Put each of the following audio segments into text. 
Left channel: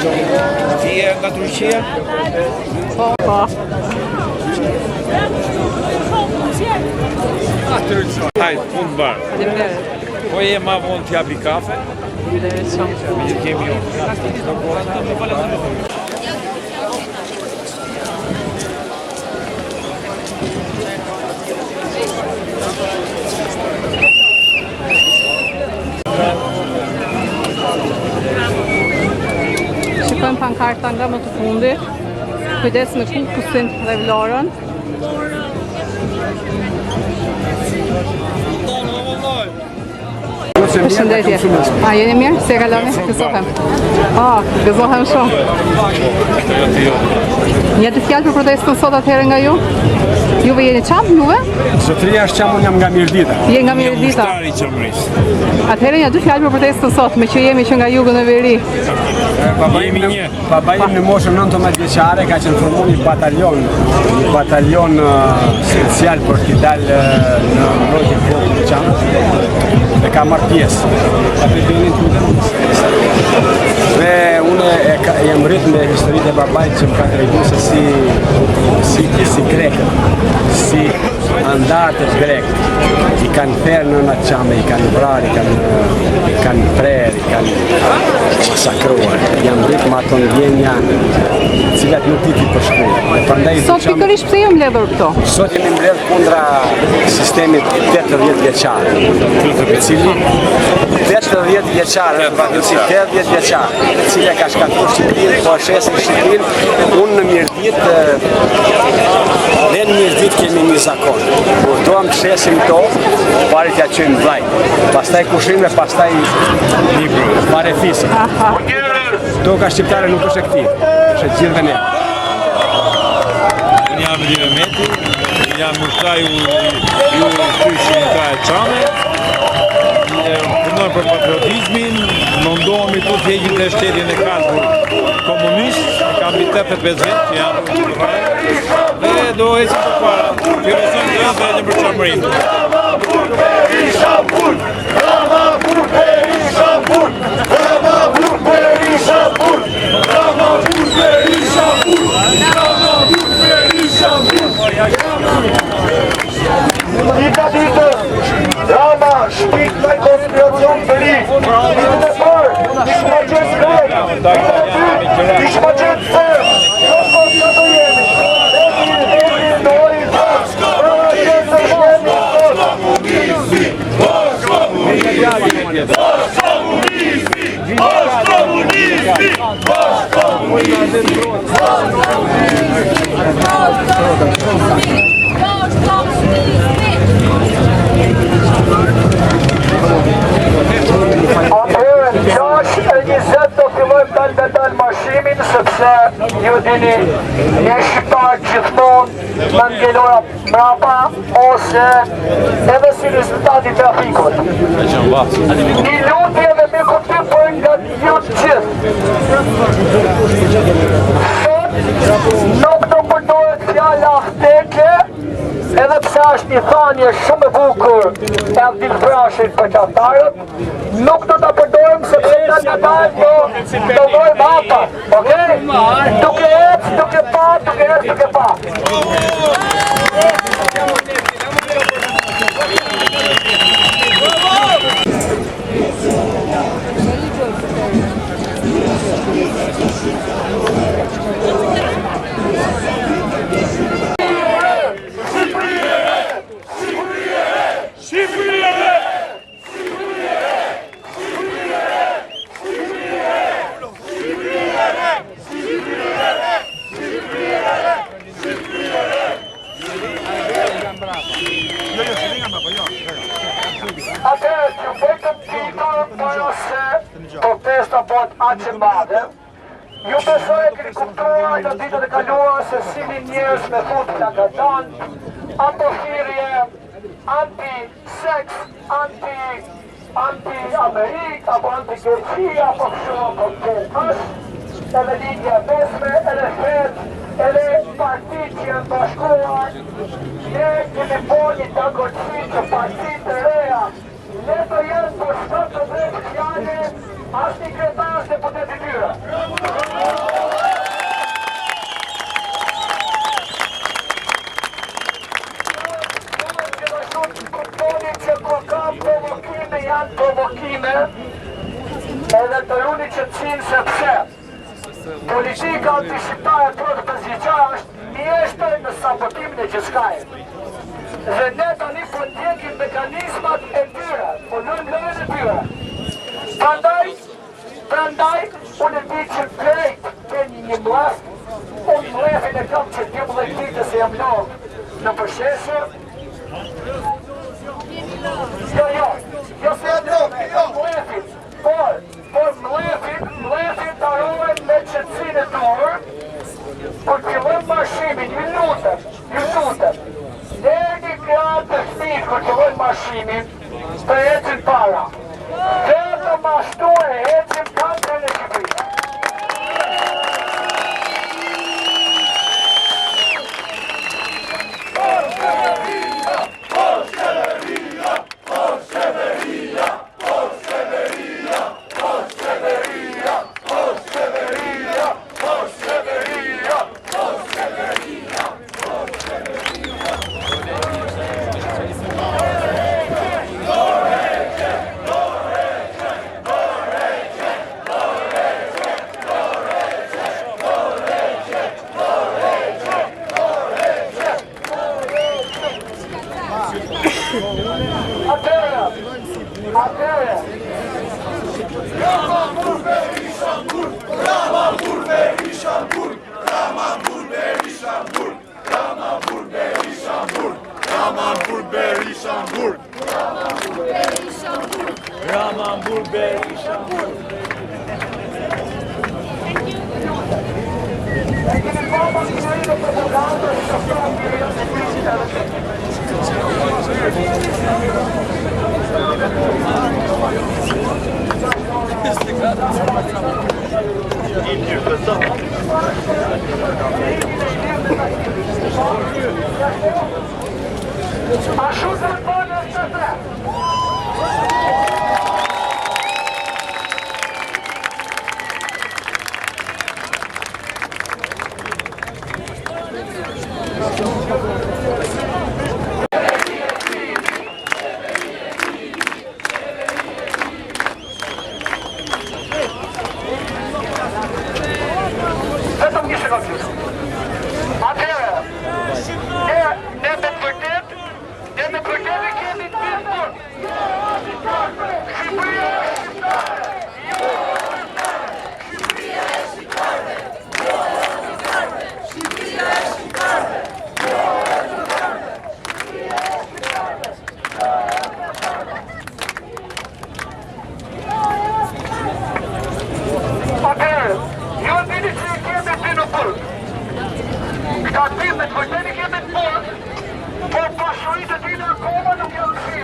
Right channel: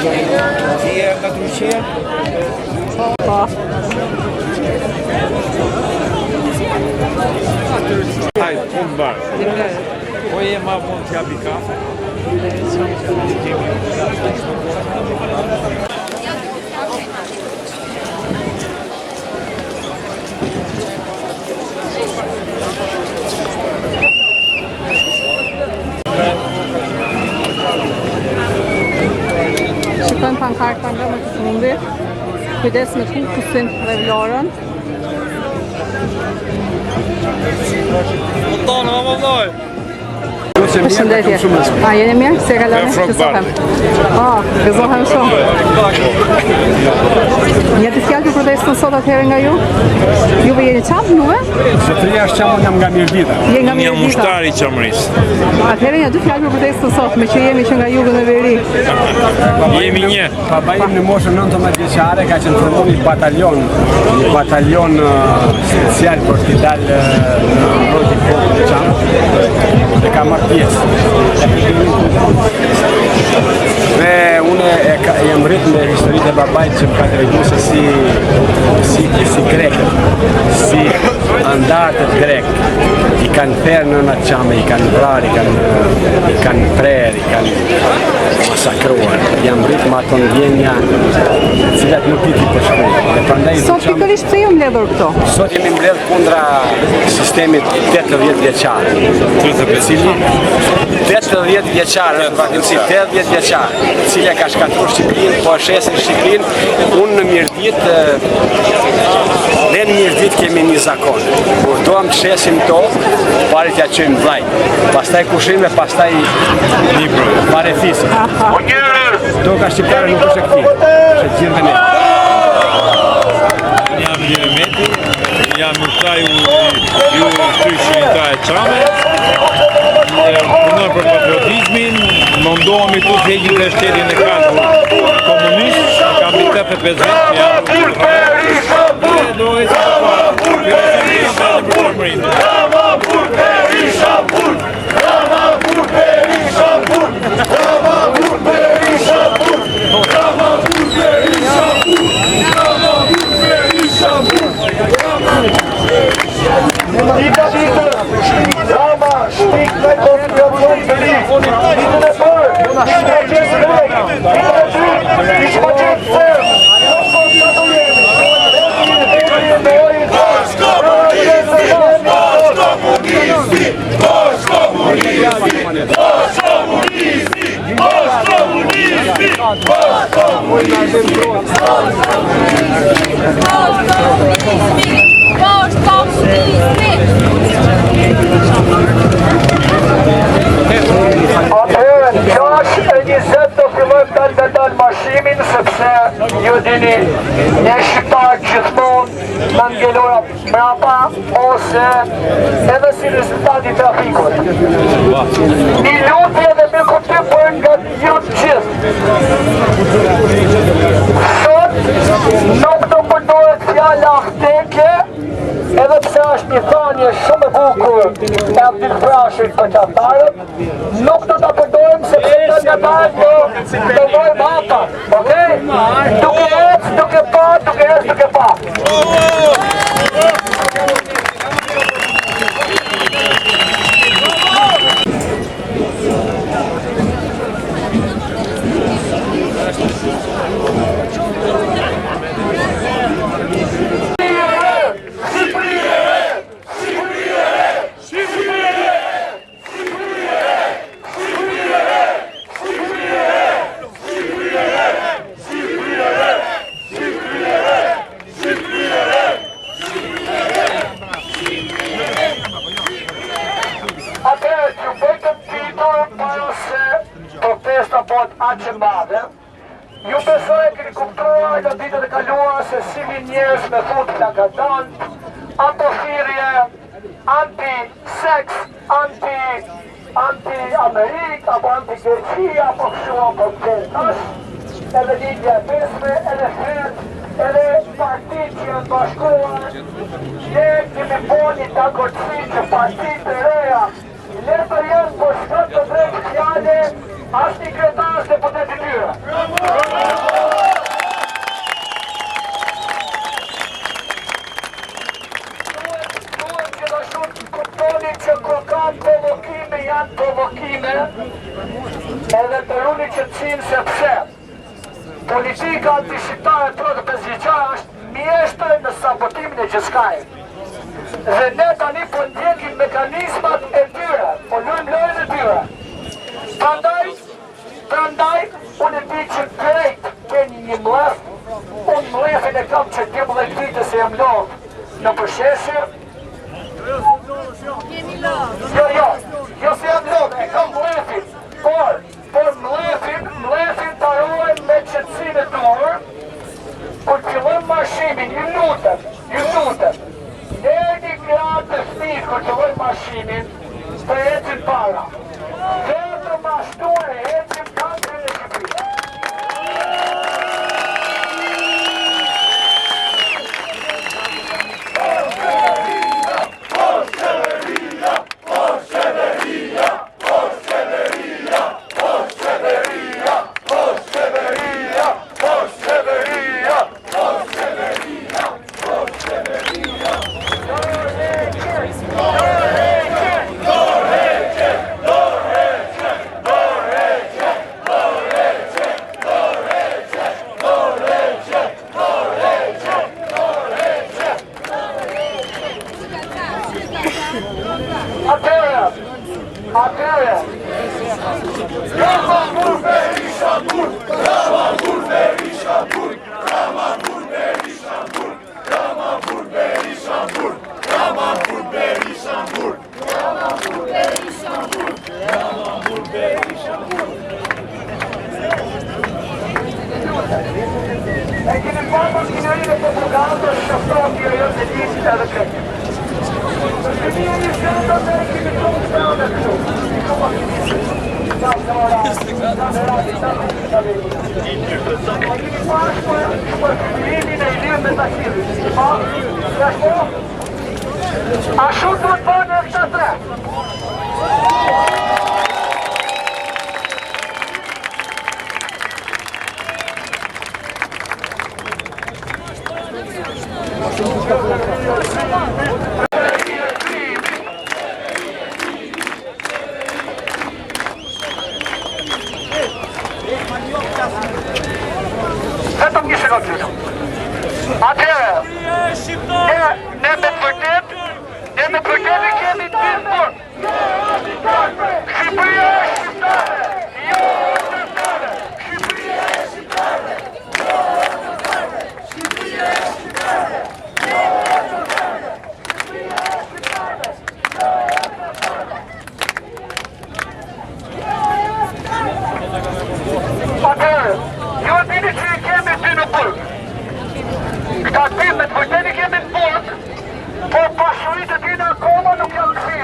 Ti nga Turqia? Po. Hajde, punë të barë. Po je ma vonë të japi kafe? Shikojmë pankarta nga më të fundit. Kujdes me kukusin dhe vlorën. Përshëndetje. A, jeni mirë? Se kaloni? Gëzohem. Gëzohem shumë. Një të fjallë për protestën sot atëherë nga ju? Juve jeni qamë, juve? Zotëria është qamë, unë jam nga Mirdita. Je nga Mirdita. Një mushtari qamërisë. Atëherë një dy fjallë për protestën sot, me që jemi që nga jugën e veri. Jemi një. Baba im në moshën 19 vjeçare ka qenë formuar një batalion special për t'i dalë në mbrojtje popullit të Çamit dhe ka marrë pjesë. Dhe unë jam rrit me historitë e babait që më ka treguar se si grekët, si andartët grek i kanë therë në atë Çame, i kanë vrarë, i kanë prerë, i kanë masakruar. Jam rrit me ato ndjenja të cilat nuk di ti përshkruaj. Dhe prandaj sot pikërisht pse ju mbledhur këto? Sot jemi mbledhur kundra sistemit 80 vjeçar. I cili 80 vjeçar, në vazhdimsi 80 vjeçar, e cila ka shkatruar Shqipërinë, po shesin Shqipërinë, unë në Mirdit, ne në Mirdit kemi një zakon. Kur doam të shesim to, të parit ja çojmë vllajt. Pastaj kushim dhe pastaj libro, parethisi. Toka shqiptare nuk është e këtij, është e gjithëve ne. Jam Edi Mehmeti, jam mushtari ju shtyshërinta e Çame. Punoj për patriotizmin, mundohemi tu të heqim të shtetin e kalbur komunist, kam mbi 85 vjet që jam dhe do ecim përpara. Për Çamërinë. Rama, shpik në konspiracion të ri. Ditën e parë, ishma qenë grek. Ditën e dytë, ishma qenë sërë. Në ka të jemi. Edhi në ojë të pra qenë të shkemi Atëherë, 6:20 do fillojmë dalë marshimin, sepse ju dini, ne shqiptarë gjithmonë në ngelora mrapa ose edhe si rezultati trafikut. Një lutje dhe me kuptim për nga ju gjithë. Sot nuk do përdoret fjala afteke, edhe pse është një thanje shumë e bukur e Abdil Frashit për qatarët, nuk do të përdojmë se për të qatarët do vojmë hapa, okej? Duke ecë, duke pa, duke ecë, duke pa. Atëherë që vetëm titur për se protesta bëhet aq e madhe, ju besoj e keni kuptuar në ditët e kaluara se si njerëz me fut plakadant, apo thirrje anti-seks, anti-Amerik, apo anti-Greqi, apo kështu koncertash, edhe lidhja e pesme, edhe fred, edhe partit që janë bashkuar, ne kemi bo një dagorësi që partit të reja, leto janë për shkët të drejtë fjallë edhe as një kretar se për të tyra. Kuptoni që kur kam provokime janë provokime edhe të runi që të cinë se pse politika antishqiptare të të bezgjeqare është mjeshtër në sabotimin e gjithçkaje. Dhe ne tani po ndjekim mekanizmat e tyre, po lujmë lojën e tyre. Prandaj, unë e di që krejt keni një mlef, unë mlefin e kam që 12 vite se jam lovë në përsheshje. Jo se jam lovë, e kam mlefin, por mlefin të arrojnë me qëtësin e dorë, kur fillojmë marshimin, ju lutem, dhe një gratë të fëmijë kur fillojmë marshimin, të ecin para. Dhe të mashtu e ecin kampën e Shqipërisë. Ashtu të të bënë e këtë tre. Vetëm një sekundë lutem. Atëherë, ne me të vërtet e kemi të bërë. Shqipëria e shqiptare! Shqipëria e shqiptare! Shqipëria e shqiptare! Atëherë, ju e dini që i kemi ty në burg. Këta tim me të vërtet i kemi të burg, po pasurit e tina akoma nuk janë kësi,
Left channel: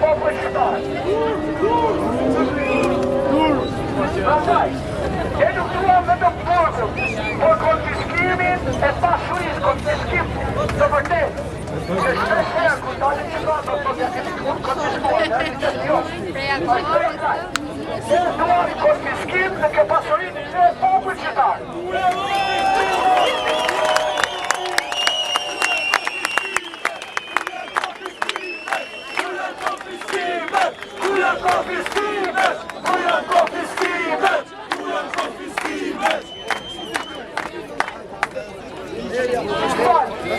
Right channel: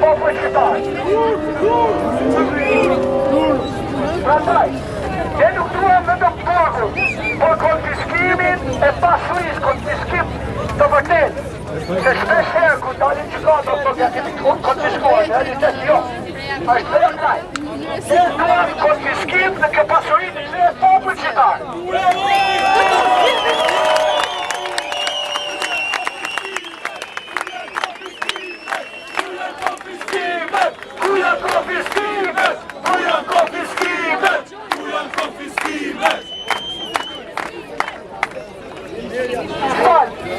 po shqiptarë. Prandaj, ne nuk duam vetëm burgun, por konfiskimin e pasurisë, konfiskim të vërtet. Se shpesh kur dalin që gato, po që kemi konfiskojnë, e një qështë jo. Ashtë të kraj. Ne duam konfiskim në ke pasurit e popën qytetarë.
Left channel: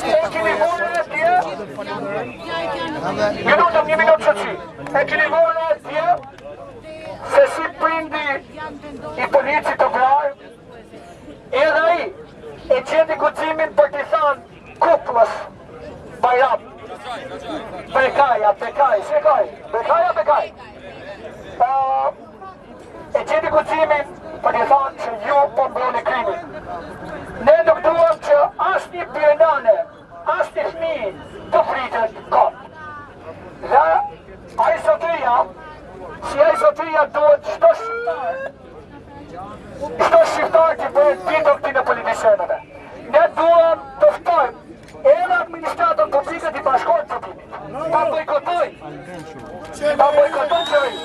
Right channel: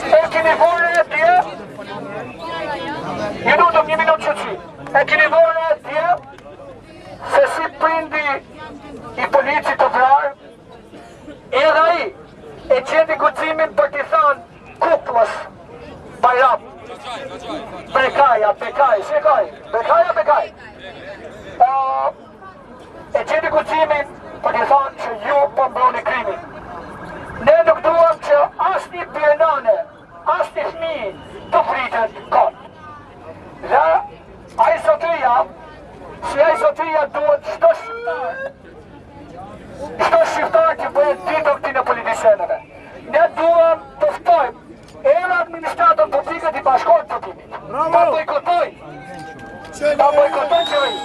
E keni vore e tje, ju lutem një minutë qëtësi, e keni vore e tje, se si prindi i policit të vrarë, edhe ai e qendi guximin për t'i thanë kuplës Bajram. Bekaj, shekaj, Bekaj. E qendi guximin për t'i thanë që ju po mbroni krimin. Ne nuk duam që as një pjenane, as një fëmijë të fritet kot. Dhe ai zotëria duhet çdo shqiptar që bëhet ditën këtij në politicianëve. Ne duam të ftojmë edhe administratën publike të bashkohet publikit. Ta bojkotojnë. ta bojkoton qeveri.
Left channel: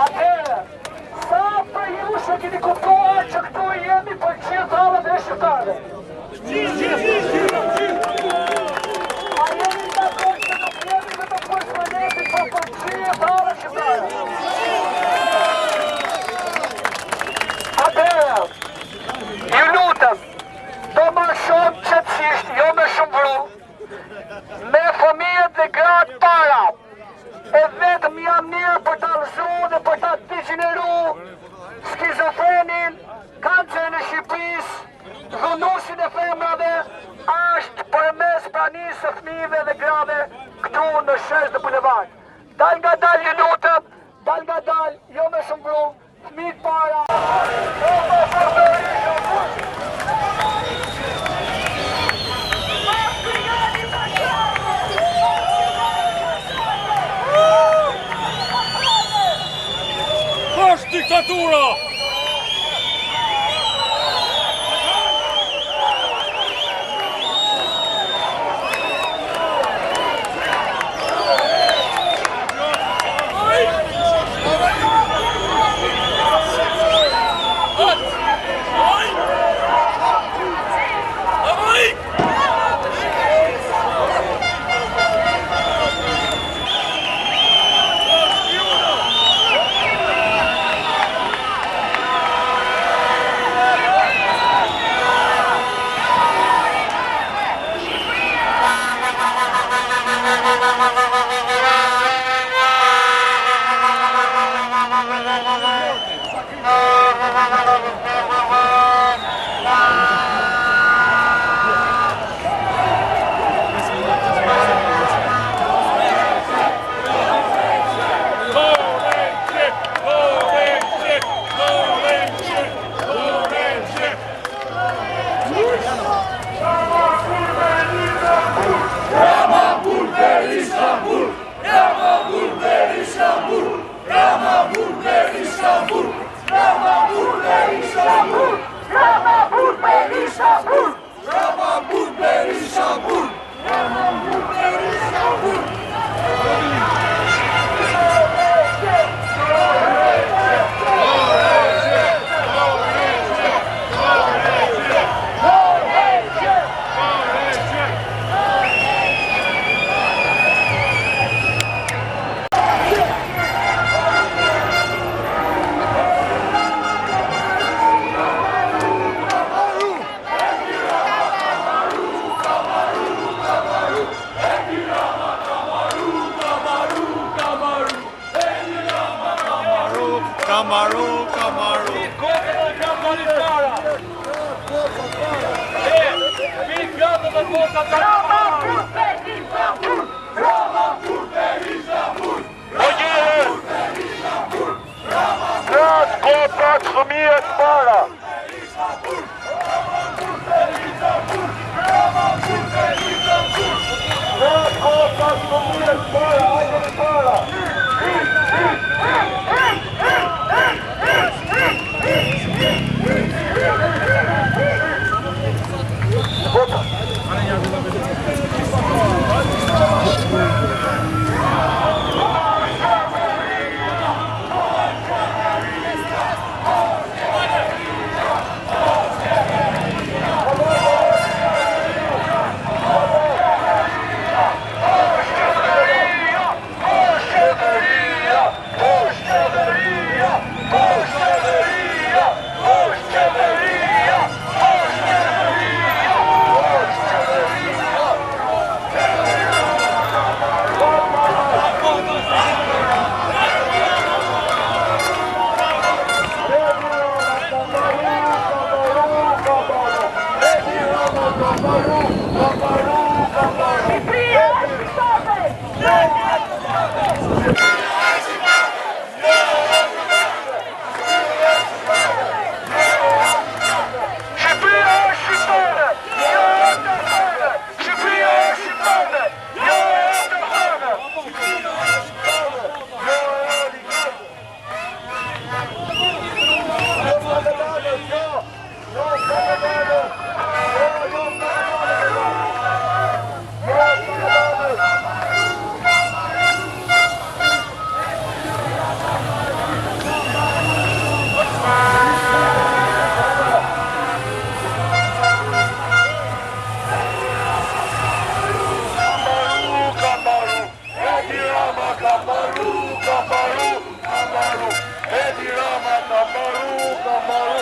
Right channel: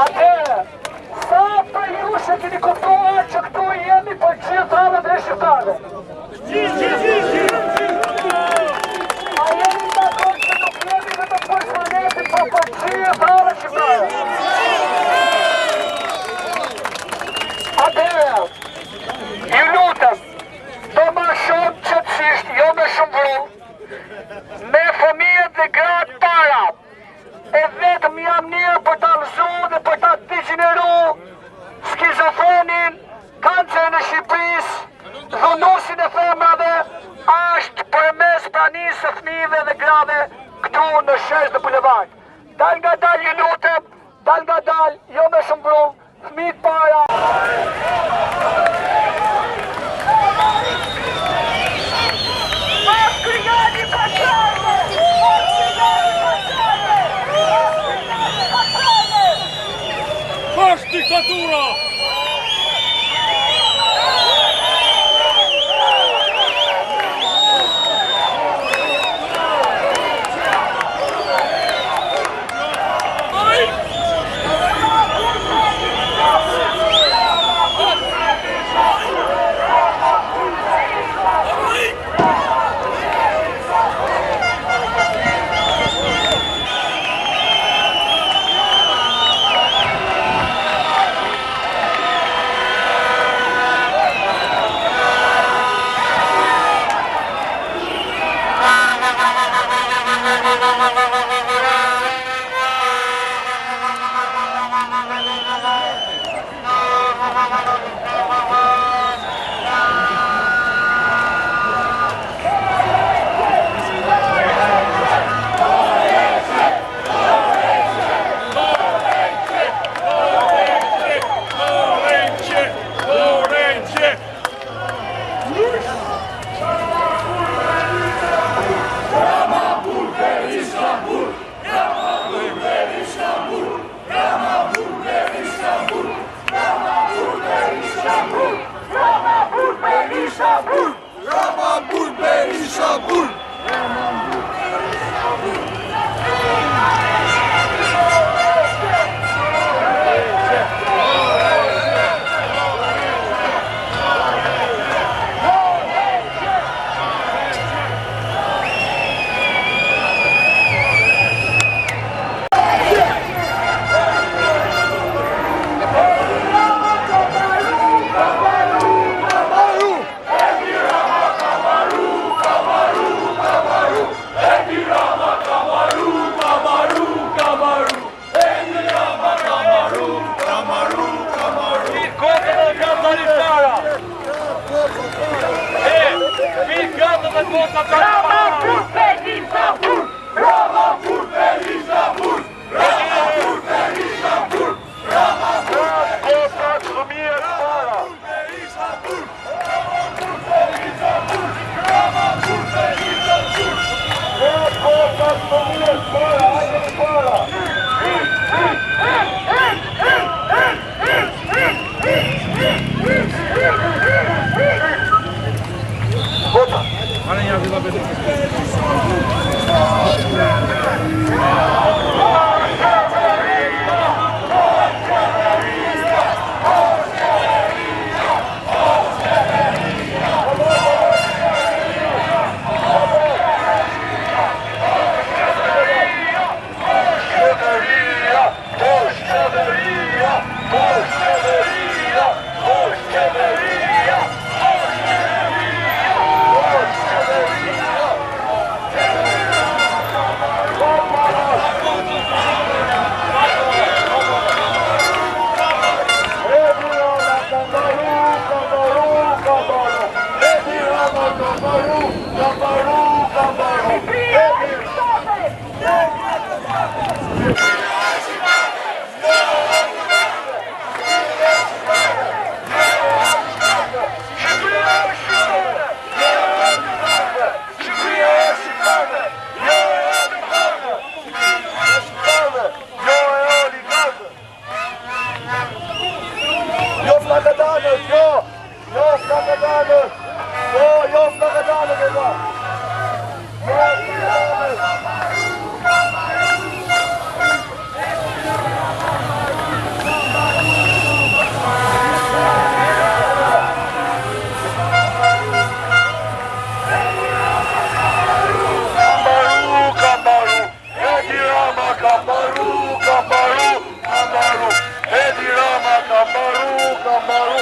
Atëherë, sa për ju që keni kuptuar që këtu jemi për gjithë halët shqiptare? A jeni dakord që nuk jemi vetëm për planetin, po për gjithë halët shqiptare? Atëherë, ju lutem, do ma shumë qëtësisht, jo me shumë vrull, me fëmijët dhe gratë para, e vetëm jam mirë për ta lëzu dhe për ta degeneru skizofrenin, kancerin e Shqipërisë, dhunusin e femrave, është përmes pranisë së fëmijëve dhe grave këtu në shesh dhe bulevard. Dal nga dal ju lutem, dal nga dal, jo me shumë vrull, fëmijët para. Është diktatura! Kagadanës, jo Kagadanës, jo Kagadanës, Kamaru, Edi Rama, Kamaru,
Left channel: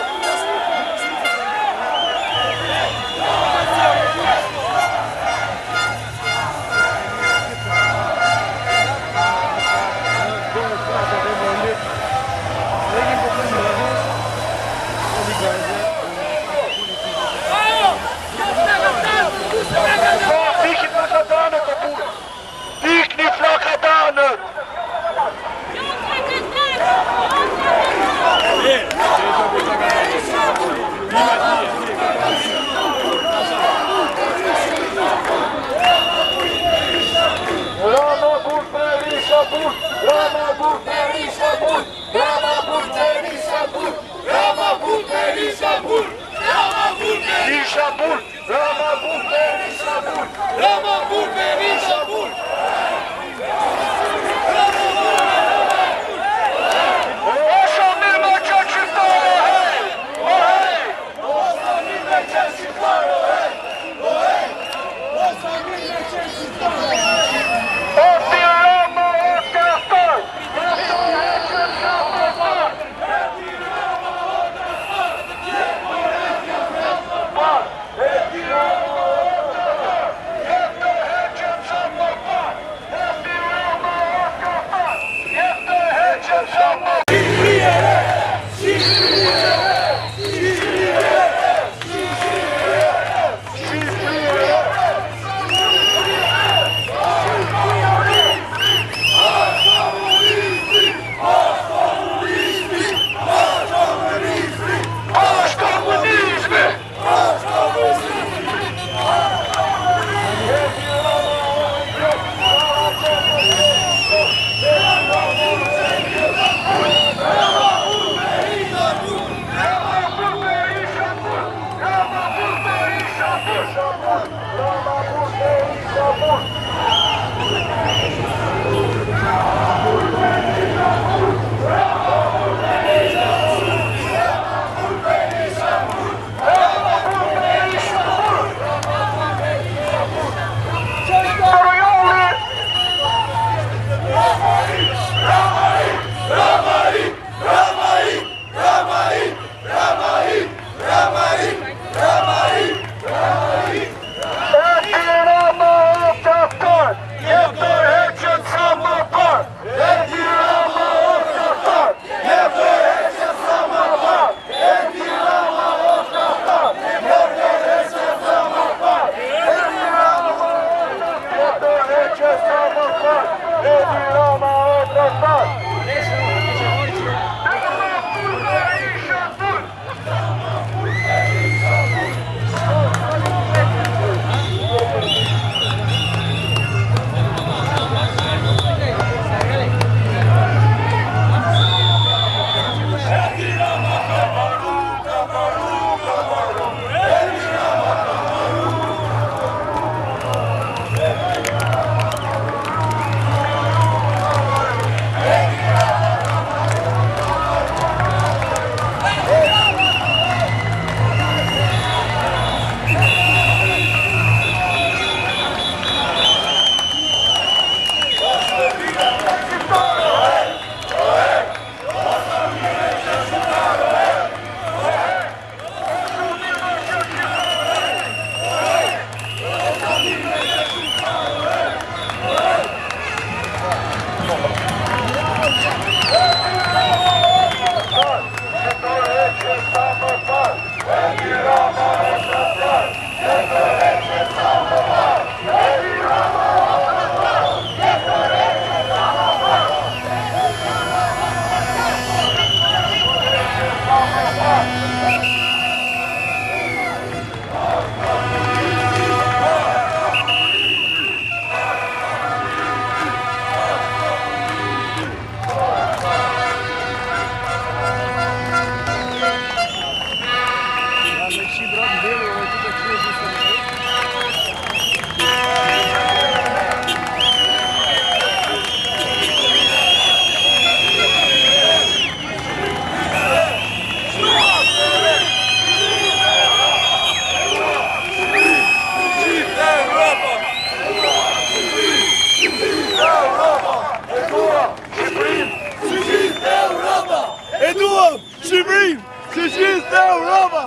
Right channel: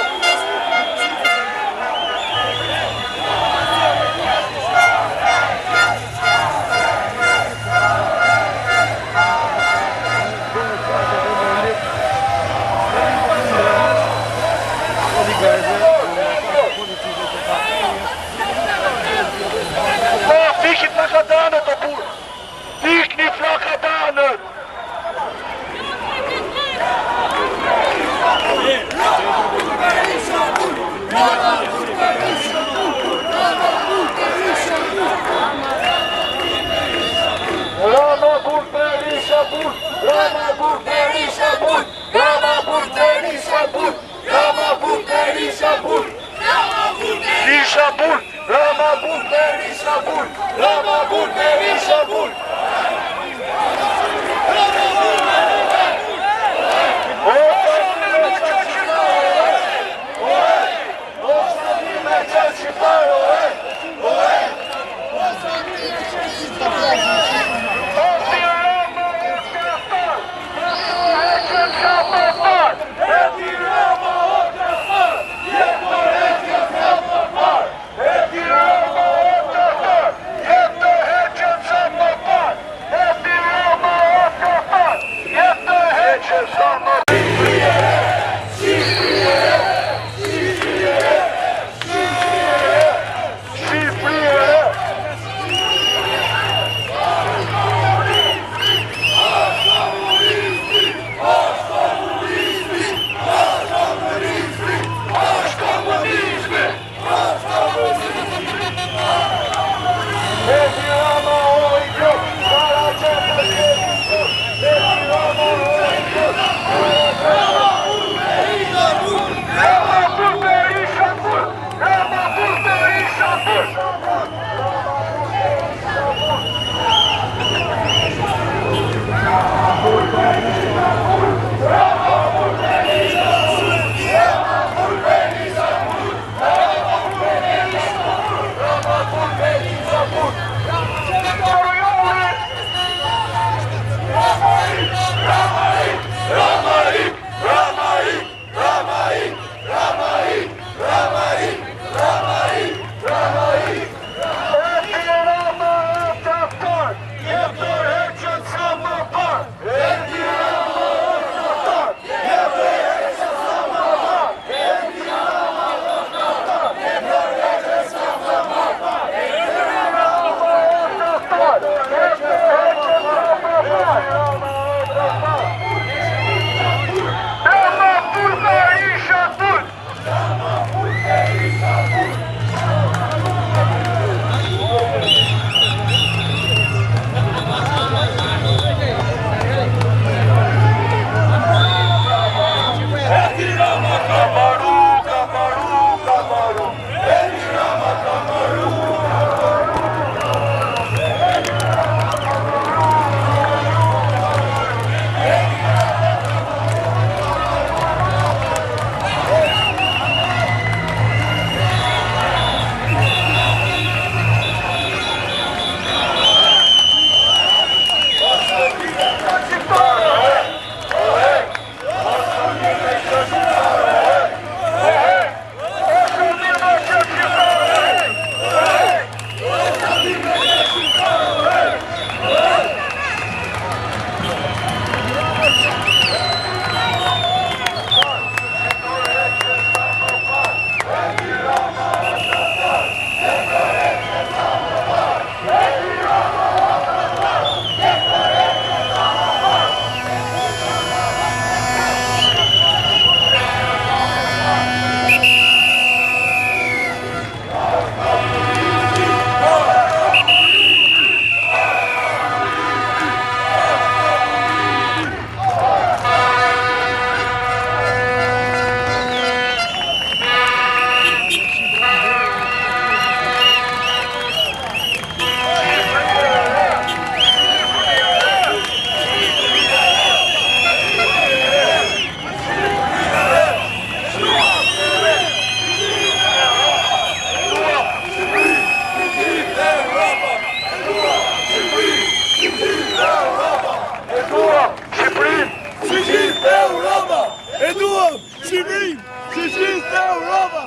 Shqipërinë, që gjithë në Europa.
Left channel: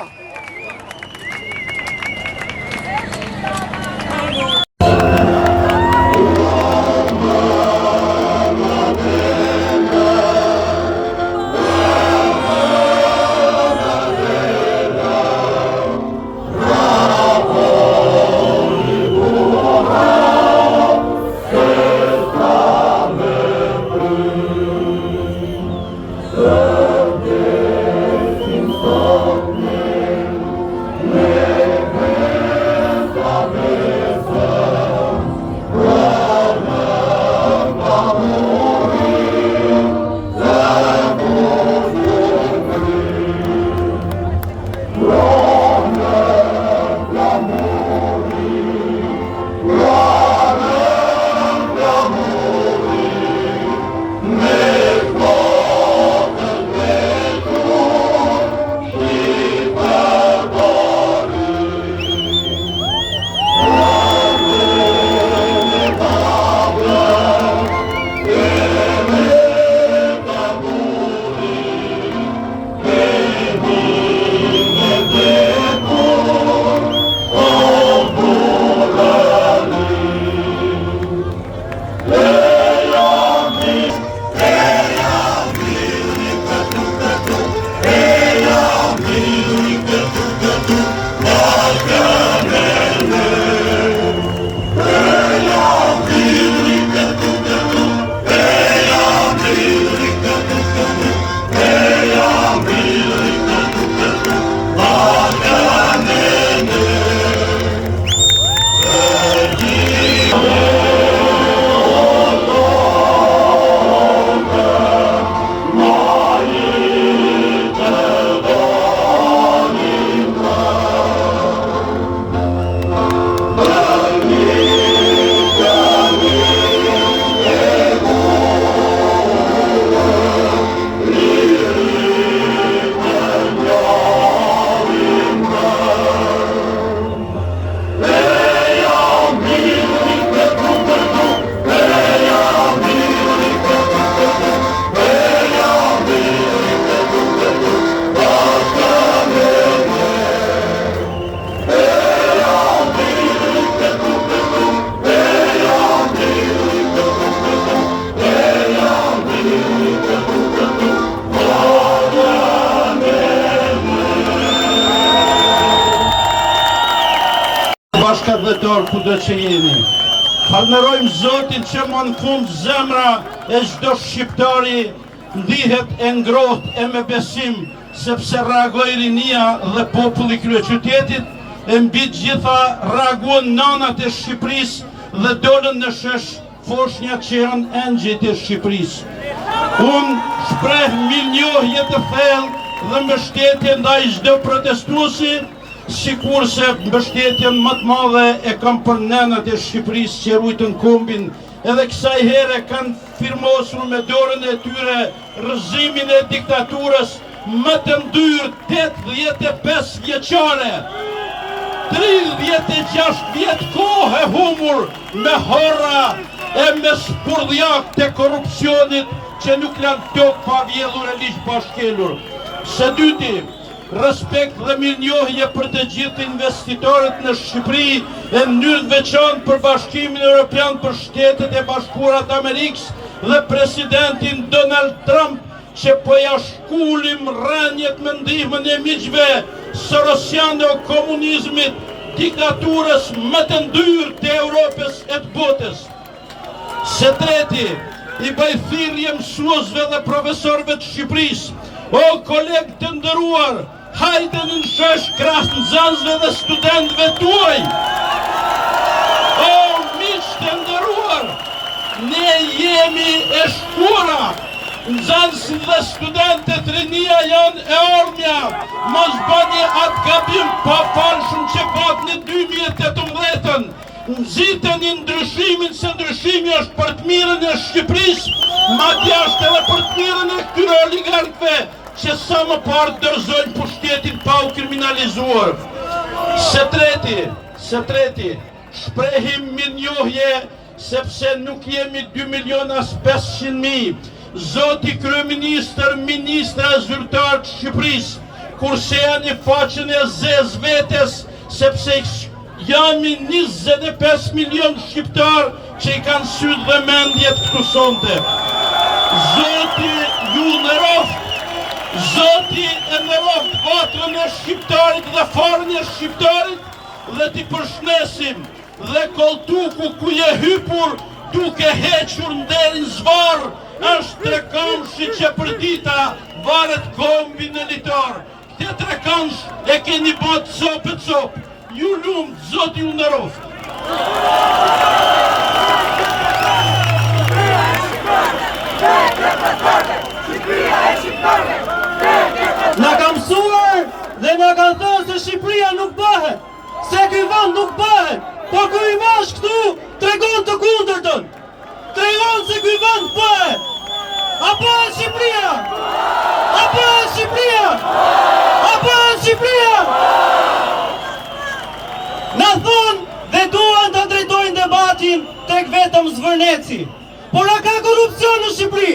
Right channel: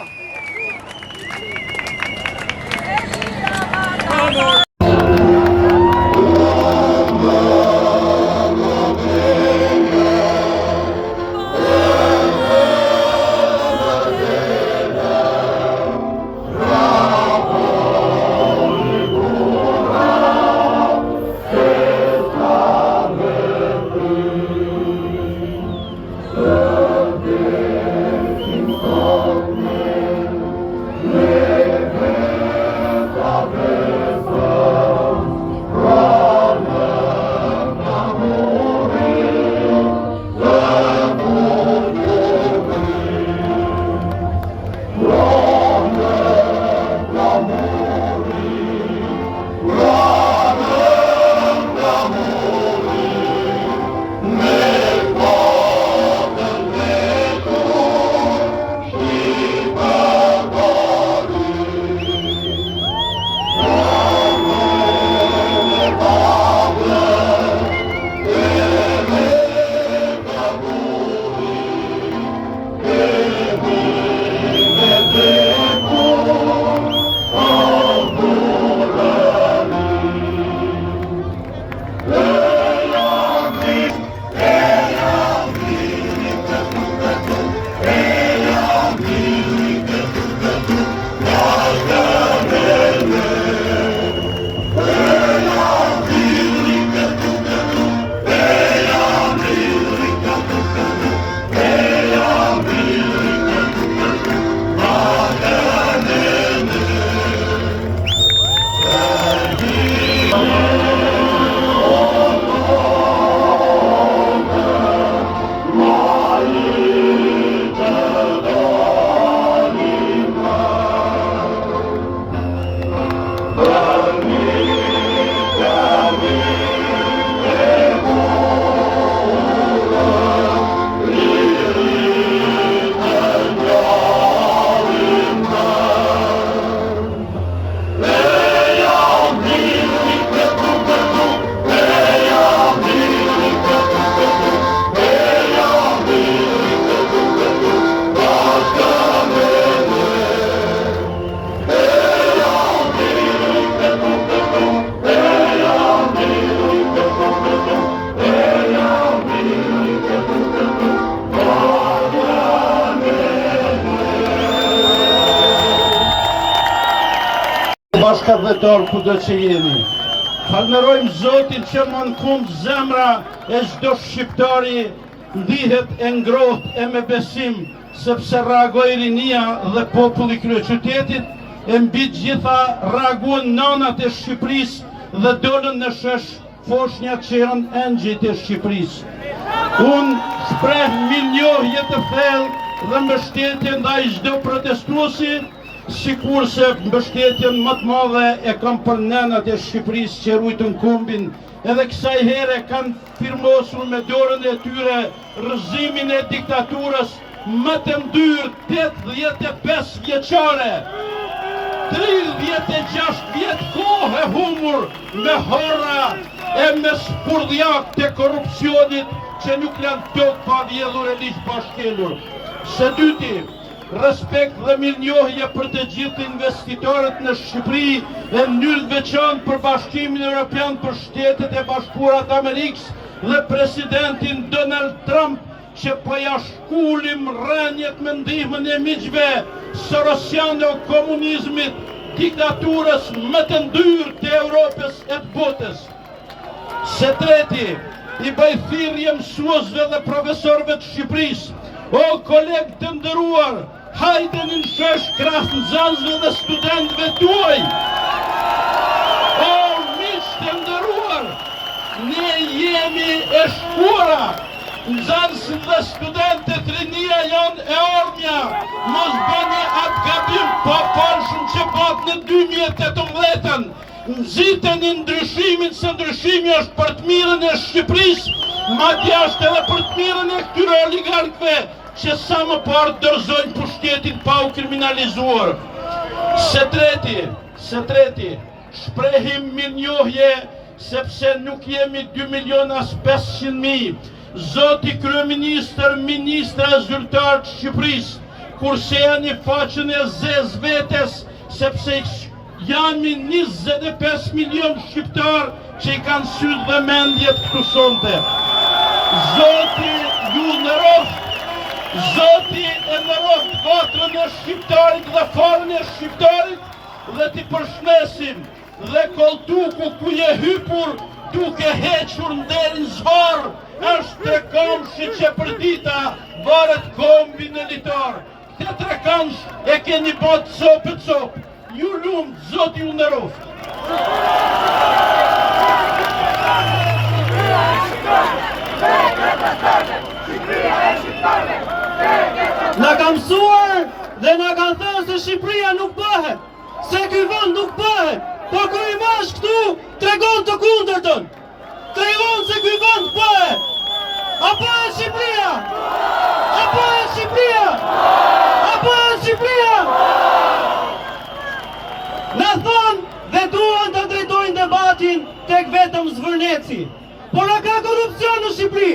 Bashkëdhetor kudo që jeni. Falënderojmë Zotin që më në fund zemra e çdo shqiptari ndihet e ngrohtë e me besim, sepse reagoi rinia dhe populli i kryeqytetit, e mbi të gjitha reaguan nanat e Shqipërisë dhe dolën në shesh foshnjat që janë engjëjt e Shqipërisë. Unë shpreh mirënjohje të thellë dhe mbështetje ndaj çdo protestuesi, sikurse mbështetjen më të madhe e kam për nënat e Shqipërisë që rujtën kombin, edhe kësaj here kanë firmosur me dorën e tyre rrëzimin e diktaturës më të ndyrë 85 vjeçare. 36 vjet kohë e humur me horra e me spurdhjak të korrupsionit që nuk lanë tokë pa vjedhur e liq pa shkelur. Së dyti, respekt dhe mirënjohje për të gjithë investitorët në Shqipëri, e mënyrë veçantë për Bashkimin Evropian për Shtetet e Bashkuara të Amerikës dhe presidentin Donald Trump, që po ja shkullim rënjet me ndihmën e miqve sorosiane o komunizmit, diktaturës më të ndyrë të Europës e të botës. Së treti, i bëj thirrje mësuesve dhe profesorëve të Shqipërisë, o kolegë të nderuar, hajde në shesh krahas nxënësve dhe studentëve tuaj. O miq të nderuar, ne jemi e shkura. Nxënësit dhe studentët rinia janë e ardhmja. Mos bëni atë gabim pa falshëm që pat në 2018. Nxiteni ndryshimin, se ndryshimi është për të mirën e Shqipërisë, madje është edhe për të mirën e këtyre oligarkëve që sa më parë dorëzojnë pushtetin pa u kriminalizuar. Së treti, shprehim mirënjohje sepse nuk jemi 2.500.000, Zoti Kryeministër, Ministra Zyrtar të Shqipërisë, kur shehani faqen e zez vetes, sepse jami 25 milion shqiptar që i kanë sytë dhe mendjet këtu sonte. Zoti ju nderoft, Zoti e nderoft vatrën e shqiptarit dhe farën e shqiptarit dhe t'i përshnesim dhe koltuku ku je hypur duke hequr nderin zvarë është trekamshi që për dita varet kombi në litar. Këte trekamsh e keni bët copë. Ju lumë, Zoti ju nderoft. Na ka mësuar dhe na ka thënë se Shqipëria nuk bëhet, se ky vend nuk bëhet, po kur i vash këtu tregon të kundërtën. Tregon se ky vend bëhet. A bëhet Shqipëria? A bëhet Shqipëria? A bëhet Shqipëria? Na thënë dhe duan të drejtojnë debatin tek vetëm zvërneci. Por a ka korupcion në Shqipëri?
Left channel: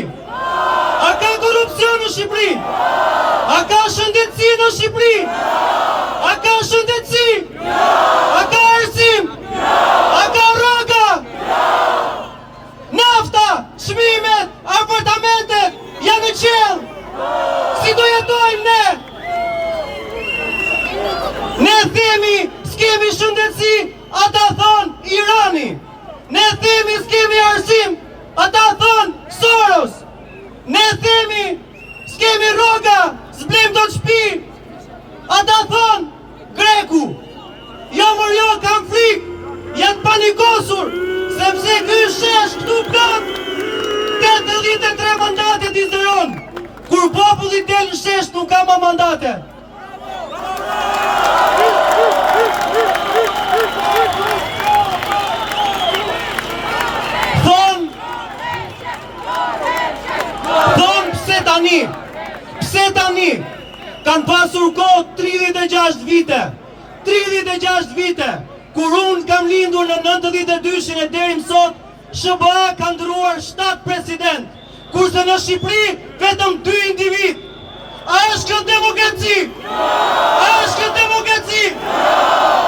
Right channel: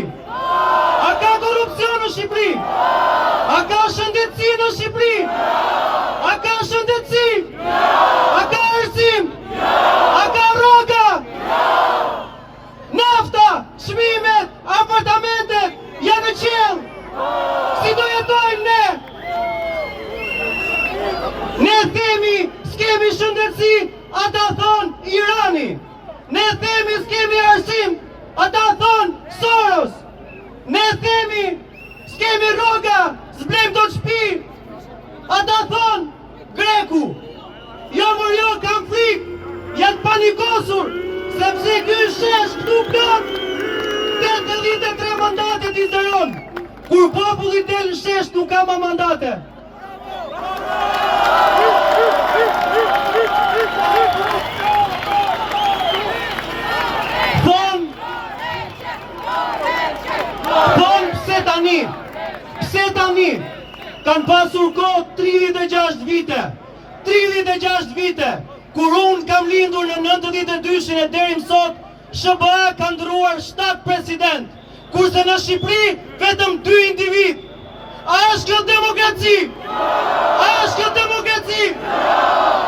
A ka korupcion në Shqipëri? A ka shëndetësi në Shqipëri? A ka shëndetësi? A ka arsim? A ka rroga? Nafta, çmimet, apartamentet janë në qell. Si do jetojmë ne? Ne themi s'kemi shëndetësi, ata thonë Irani. Ne themi s'kemi arsim, ata thonë Soros. Ne themi s'kemi rroga, s'blem do të shtëpi, ata thonë Greku. Jo mor jo, kam frikë, janë panikosur, sepse ky shesh këtu plot 83 mandate t'i zëron. Kur populli del në shesh nuk ka më mandate. Thonë pse tani, kanë pasur kohë 36 vite, 36 vite, kur unë kam lindur në 92-shin e deri më sot, SBA ka ndëruar 7 president, kurse në Shqipëri vetëm 2 individ. A është kjo demokraci? A është kjo demokraci?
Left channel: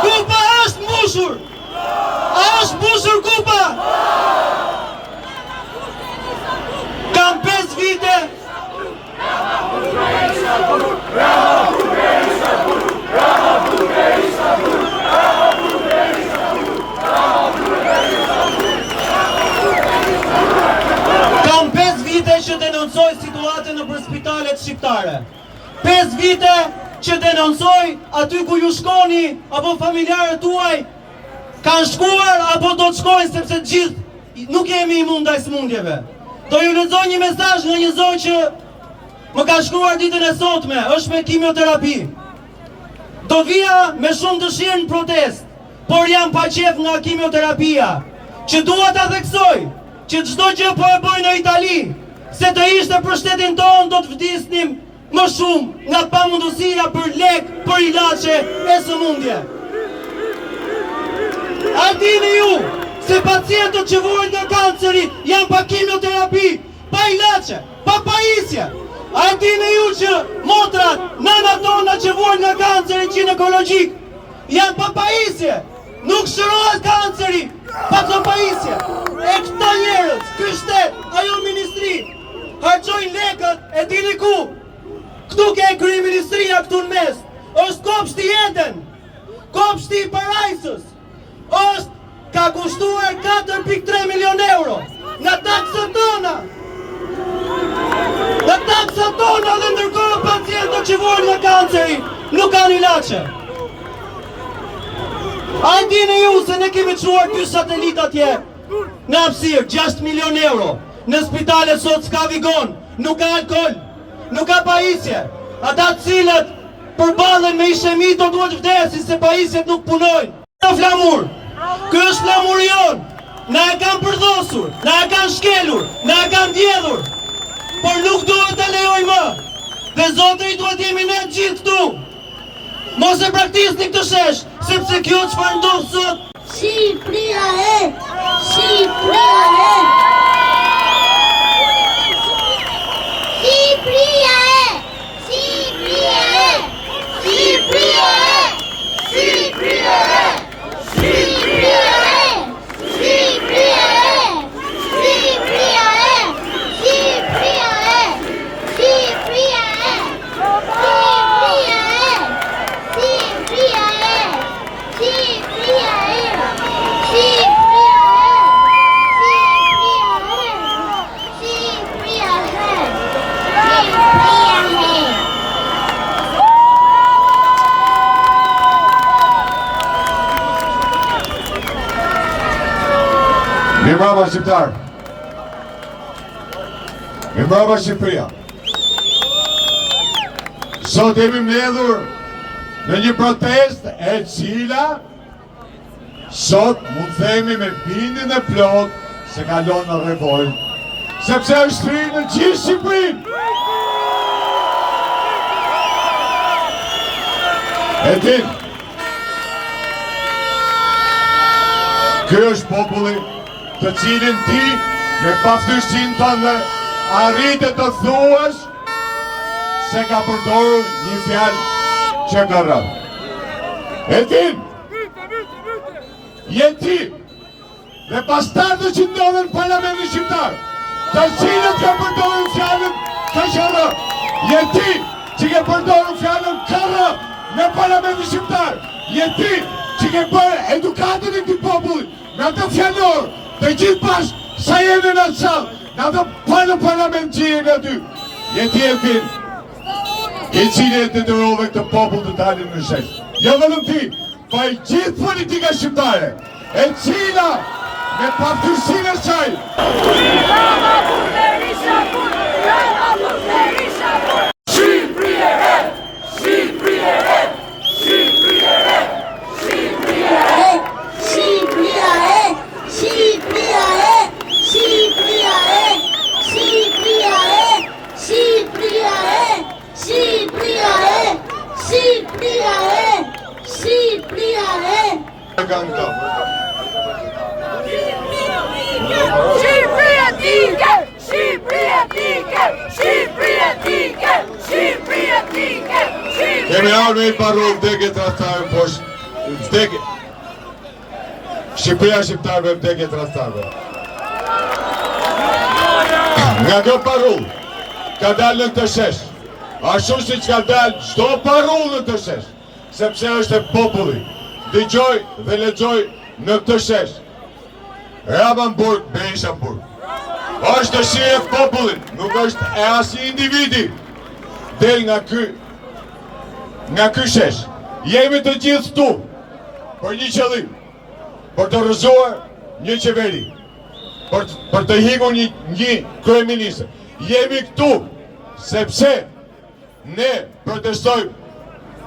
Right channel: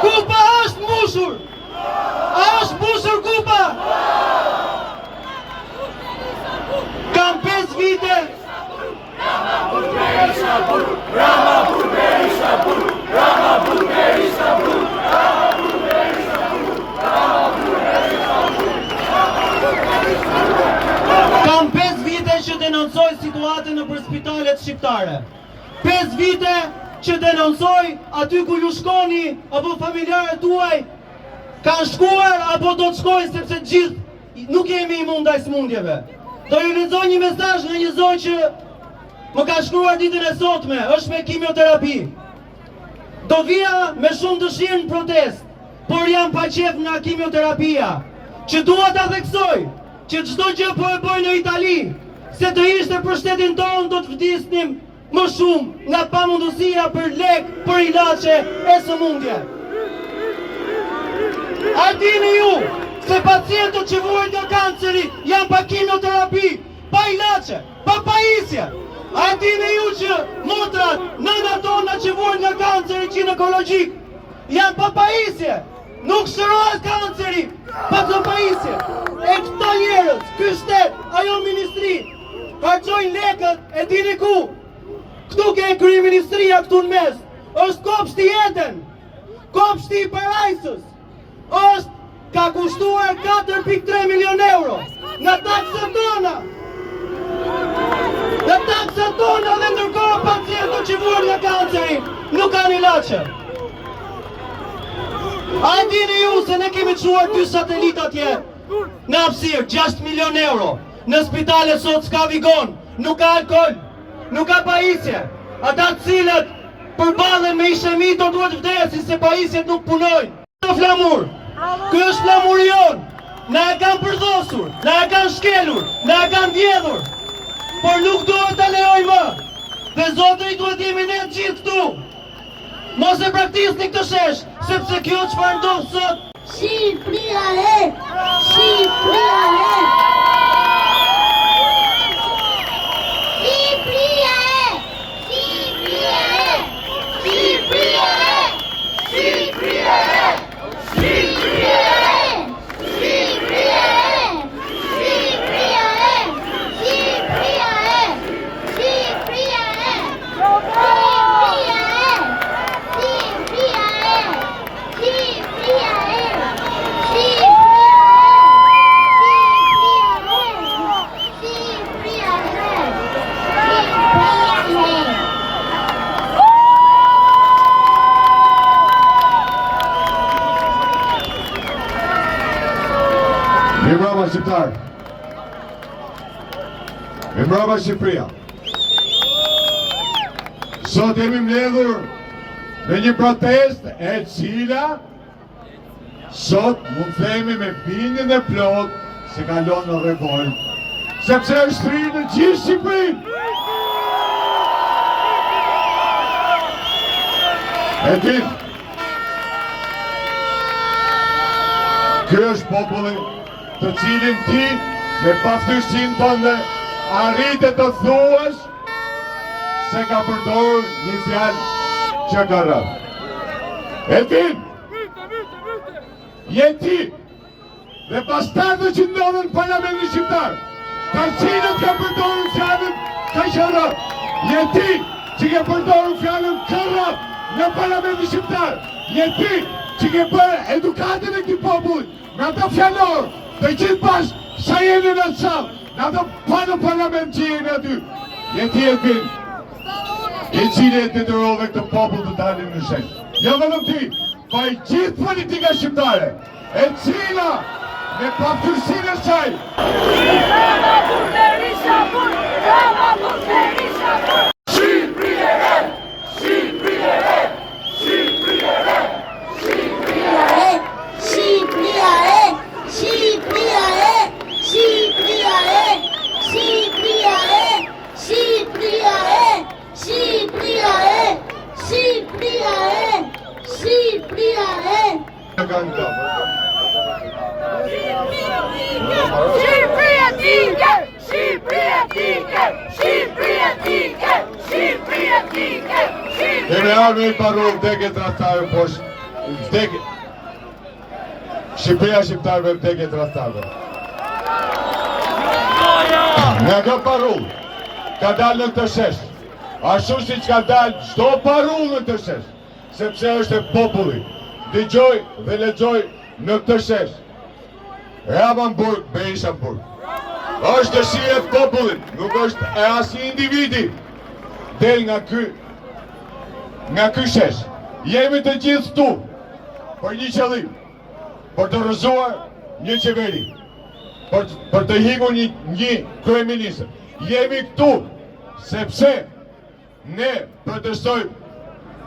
Kupa është mbushur. A është mbushur kupa? Kam 5 vite. Kam 5 vite që denoncoj situatën nëpër spitalet shqiptare. 5 vite që denoncoj aty ku ju shkoni apo familjarët tuaj kanë shkuar apo do të shkojnë, sepse gjithë nuk jemi imund ndaj smundjeve. Do ju lexoj një mesazh nga një zonjë që më ka shkruar ditën e sotme, është me kimioterapi. Do vija me shumë dëshirë në protest, por jam pa qef nga kimioterapia, që dua ta theksoj që çdo gjë po e bëj në Itali, se të ishte për shtetin tonë do të vdisnim më shumë nga pamundësia për lek, për ilaçe e sëmundje. A dini ju se pacientët që vuajnë nga kanceri janë pa kimioterapi, pa ilaçe, pa pajisje? A dini ju që motrat, nënat tona që vuajnë nga kanceri ginekologjik janë pa pajisje? Nuk shërohet kanceri pa pajisje. E këta njerëz, ky shtet, ajo ministri, harxojnë lekët e dini ku? Këtu ke kryeministria këtu në mes. Është kopshti Eden, kopshti i Parajsës. Ka kushtuar 4.3 milion euro nga taksat tona. Nga taksat tona, dhe ndërkohë pacientët që vuajnë nga kanceri nuk kanë ilaçe. A e dini ju se ne kemi çuar 2 satelit atje në hapësirë, 6 milion euro. Në spitale sot s'ka vigon, nuk ka alkool, nuk ka pajisje. Ata cilët përballen me ishemi do duhet vdesin se pajisjet nuk punojnë. Në flamur, ky është flamuri jon. Na e kanë përdhosur, na e kanë shkelur, na e kanë vjedhur. Por nuk duhet ta lejoj më. Dhe zotëri duhet jemi ne gjithë këtu. Mos e praktikoni këtë shesh, sepse kjo çfarë ndodh sot. Shqipëria e! Shqipëria e! Mirëmbrëma shqiptar. Mirëmbrëma Shqipëria. Sot jemi mbledhur në një protest e cila sot mund themi me bindjen e plot se kalon në revolt, sepse është fryrë në gjithë Shqipërinë. E din, ky është populli të cilin ti me paftyrsinë tënde arritet të thuash se ka përdorur një fjalë që ka rënë. E din, je ti dhe bastardet që ndodhen në Parlamentin Shqiptar, të cilët ka përdorur fjalën kaqërë. Je ti që ke përdorur fjalën kërë në Parlamentin Shqiptar. Je ti që ke bërë edukatën e këtij populli në atë fjalor të gjithë bashkë sa jemi në sallë, në atë parlament që jeni aty. Je ti Elvin, i cili e detyrove këtë popull të dalin në shesh. Jo vetëm ti, pa i gjithë politika shqiptare, e cila me paftyrsinë e saj. Bravo për Berisha Bur! Bravo për Berisha Bur! Shqipëri e re! Shqipëri e re! Shqipëri e re! Shqipëri e re! Shqipëri e re! Shqipëri e re! Shqipëri e re! Shqipëri e re! Shqipëri e re! Shqipëri e re! Shqipëri e re! Shqipëri e re! Shqipëria Tiger! Shqipëria Tiger! Shqipëria Tiger! Shqipëria Tiger! Kemi ardhur me parol vdekje tradhtarëve poshtë. Vdekje. Shqipëria shqiptarëve vdekje tradhtarëve. Nga kjo parol ka dalë në këtë shesh. Ashtu siç ka dalë çdo parol në këtë shesh, sepse është e populli. Dëgjoj dhe lexoj në këtë shesh. Rabanburg, Berishaburg. Është dëshirë e popullit, nuk është e asnjë individi. Del nga ky shesh. Jemi të gjithë këtu për një qëllim, për të rrëzuar një qeveri, për të hikur një kryeministër. Jemi këtu sepse ne protestojmë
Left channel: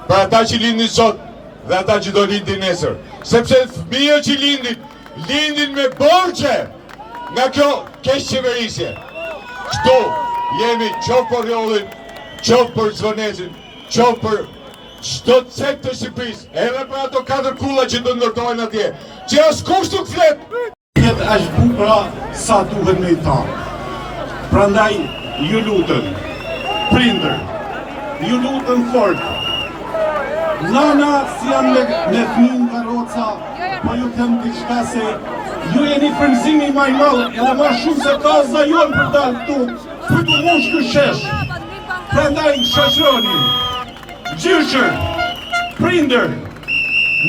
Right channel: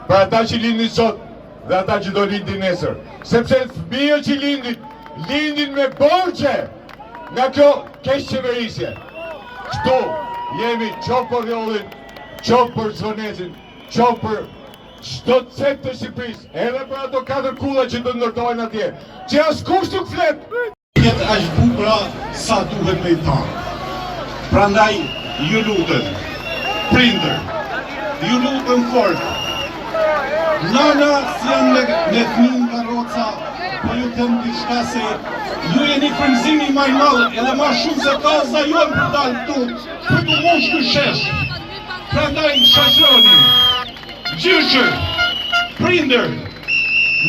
për ata që lindin sot dhe ata që do lindin nesër. Sepse fëmijët që lindin me borxhe nga kjo keqëqeverisje. Këtu jemi qoftë për Rjollin, qoftë për Zvonezin, qoftë për çdo cep të Shqipërisë, edhe për ato 4 kulla që do ndërtojnë atje, që askush nuk flet. Jetë është bukura sa duhet me i thanë. Prandaj ju lutem, prindër, ju lutem fort. Nana si jam me fëmijë karroca, po ju them diçka se ju jeni frymëzimi më i madh, edhe më shumë se kaza jonë për dalë këtu, për të mosh ky shesh. Prandaj shoqëroni, gjyshër, prindër,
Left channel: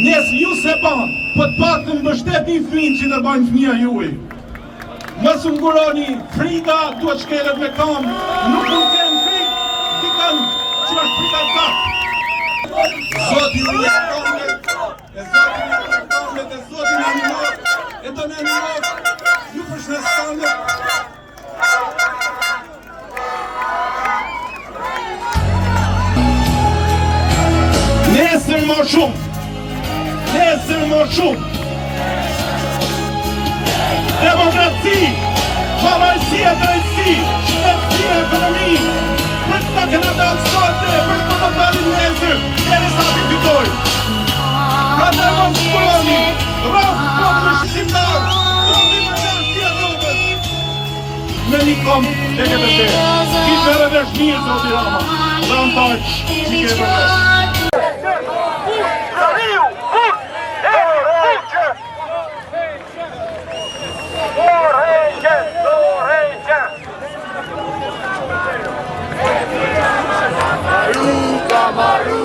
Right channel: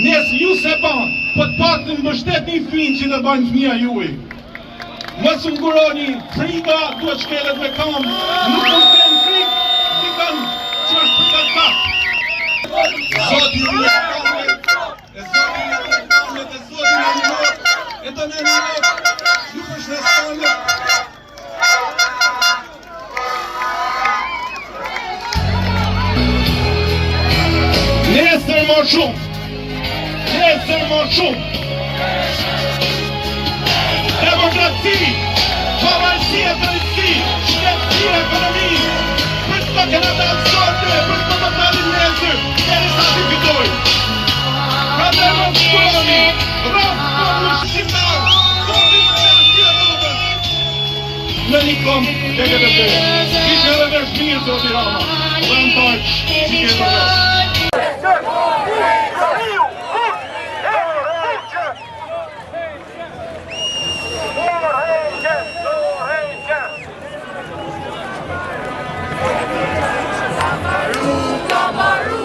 nesë ju se ban, po të paktën mbështetni fëmijën që të banë fëmija juaj. Mos u nguroni, frika duhet shkelet me kam, nuk mund të kenë frikë, ti kanë që është frika ta. Zoti ju e kamet, e Zoti ju e kamet, e Zoti në minot, e të në minot, ju përshnes kamet. Nesër më shumë, demokraci, pavarësi e drejtësi, shtetësi e ekonomi, për të këna dalë sote, për të të dalë nesër, deri sa të fitoj. Ka të mos kuroni, rrëfë populli shqiptar, të stilë e rrëfës. Në një kom, dhe këtë të, ishte revesh mirë, Zoti Rama, Ram Taq, që ke revesh. Gambaru,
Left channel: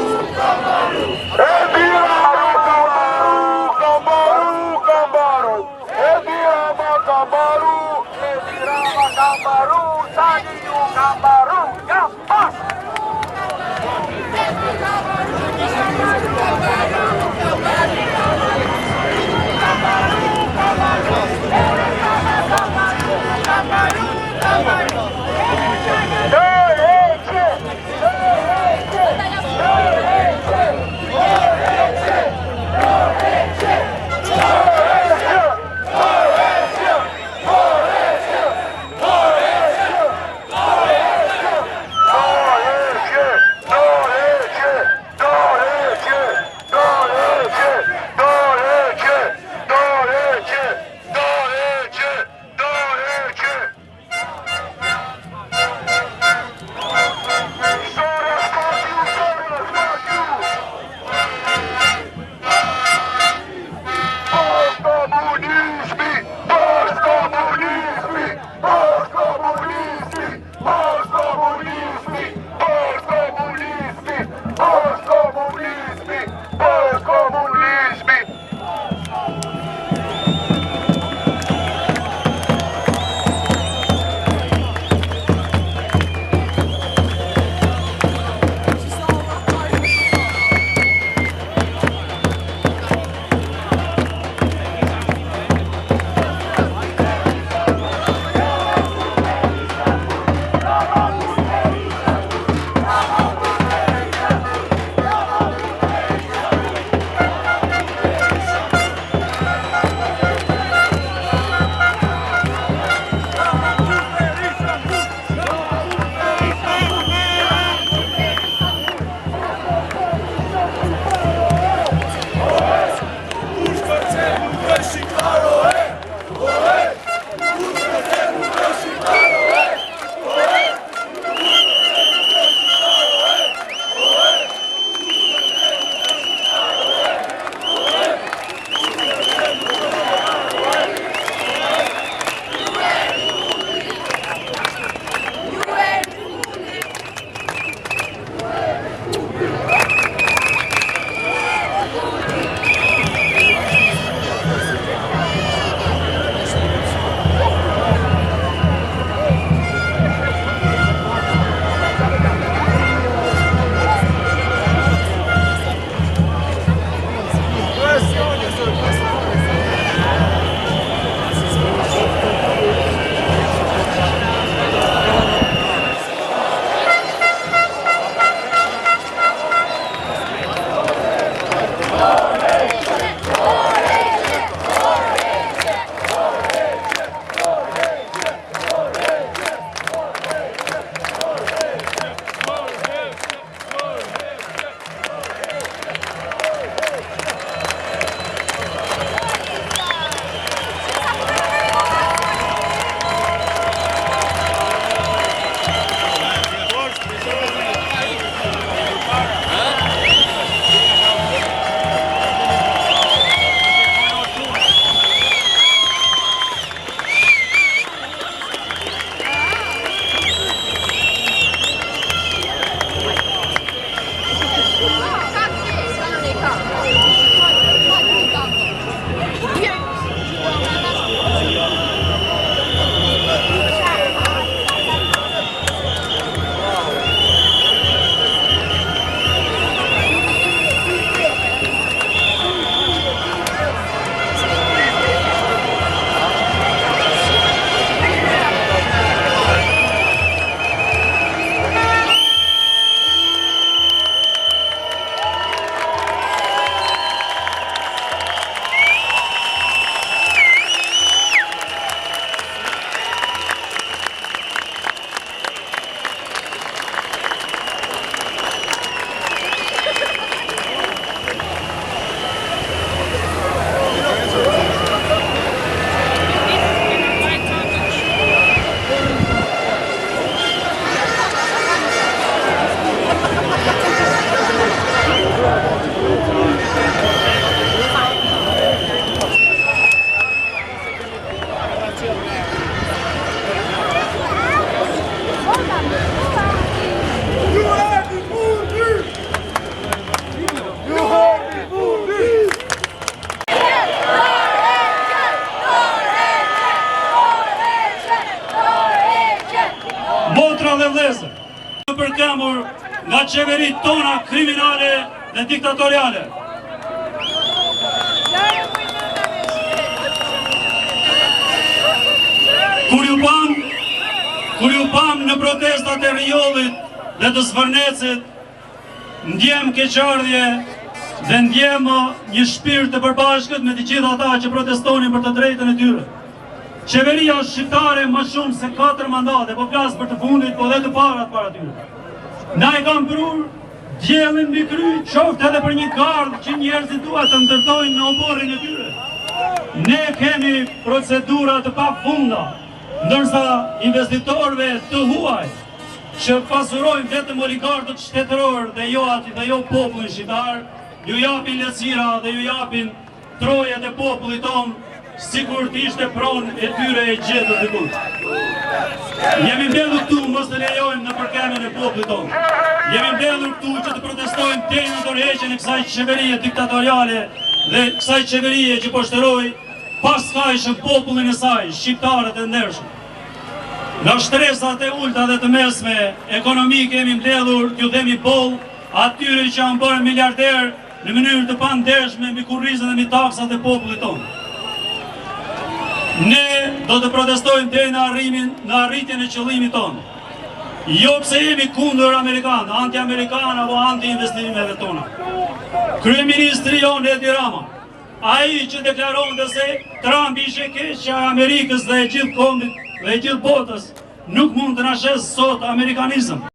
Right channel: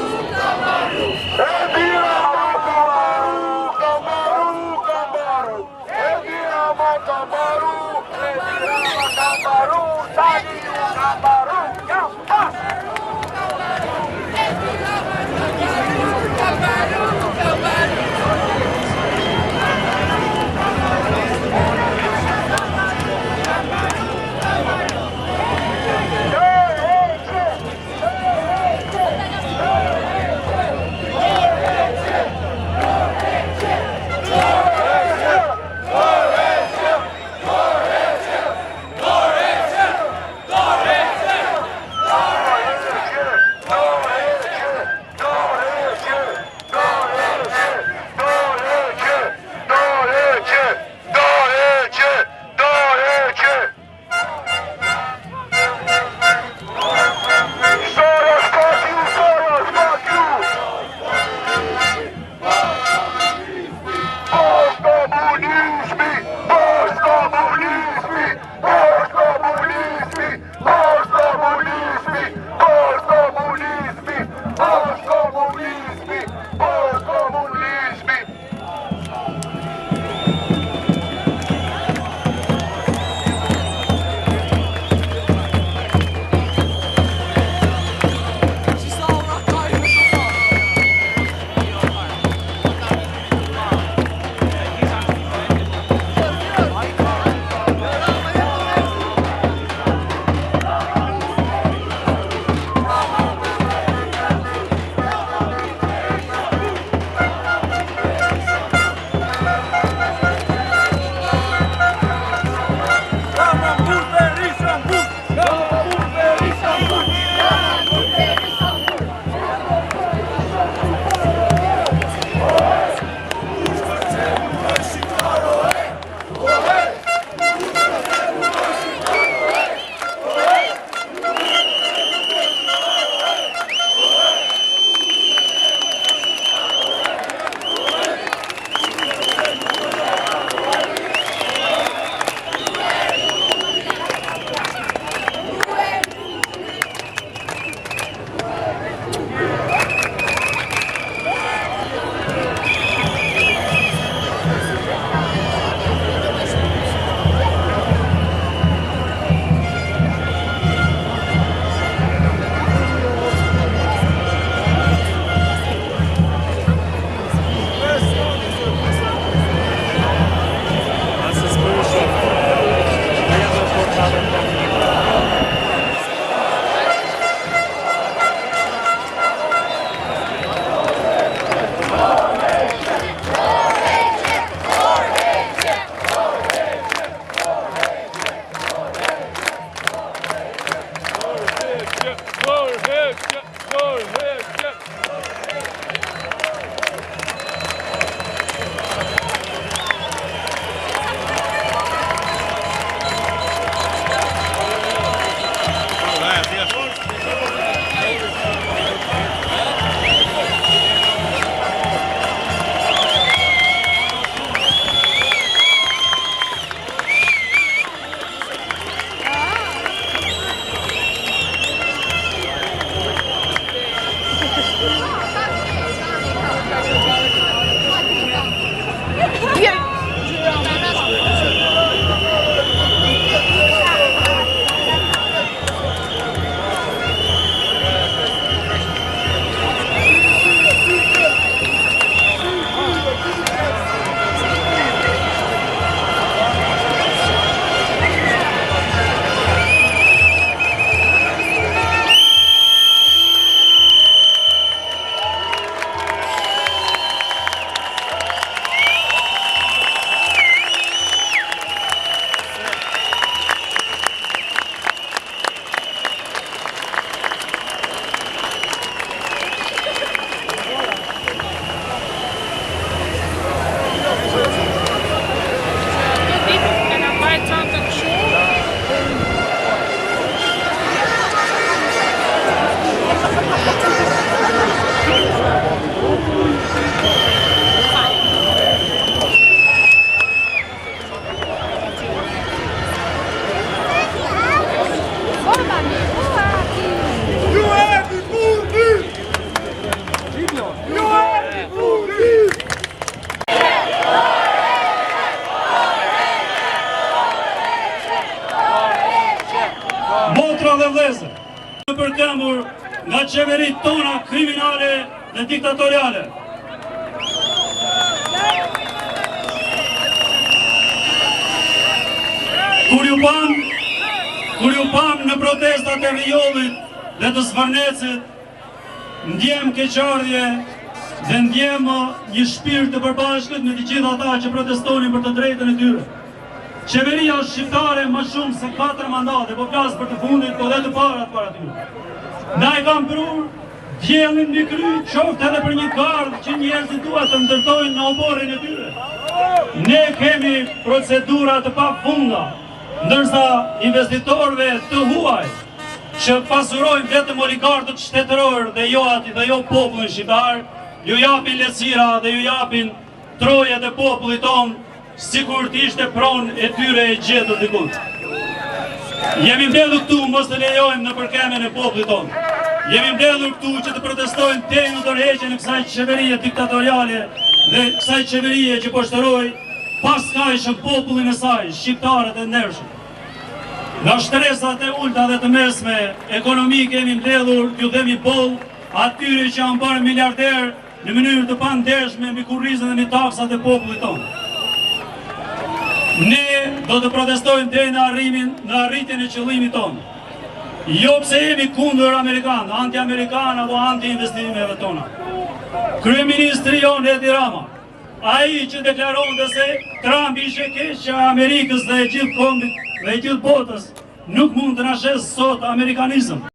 nga qeverit tona kriminale dhe diktatoriale. Kur ju pam në protestat e Riollit dhe të Zvarnecit, ndjem keqardhje dhe ndjem një shpirt të përbashkët me të gjithë ata që protestonin për të drejtën e tyre. Qeveria shqiptare më shumë se 4 mandate, po flas për të fundit, po dhe të parat para tyre. Na e kam prur djellin mbi kry, qoftë edhe për një gardh që njerëzit duhet të ndërtojnë në oborrin e tyre. Ne kemi procedura të pafunda, ndërsa investitorëve të huaj që pasurojnë vetëm oligarkët shtetëror dhe jo popullin shqiptar, ju japin lehtësira dhe ju japin trojet e popullit tonë, sikur të ishte pronë e tyre e gjetur dikut. Jemi mbledhur këtu mos të lejojmë në përkemen e popullit tonë. Jemi mbledhur këtu që të protestojmë deri në dorëheqjen e kësaj qeverie diktatoriale dhe kësaj qeverie që po shteroi paskajshëm popullin e saj, shqiptarët e ndershëm. Nga shtresat e ulta dhe të mesme ekonomi kemi mbledhur t'ju dhemi boll atyre që janë bërë miliarder në mënyrë të pandershme mbi kurrizën dhe mbi taksat e popullit tonë. Ne do të protestojmë deri në arritjen e qëllimit tonë. Jo pse jemi kundër Amerikanë, anti-Amerikanë apo anti-investimeve tona. Kryeministri jonë Edi Rama, ai që deklaronte se Trump ishte keqja e Amerikës dhe e gjithë kombit dhe e gjithë botës, nuk mund të na shes sot amerikanizëm.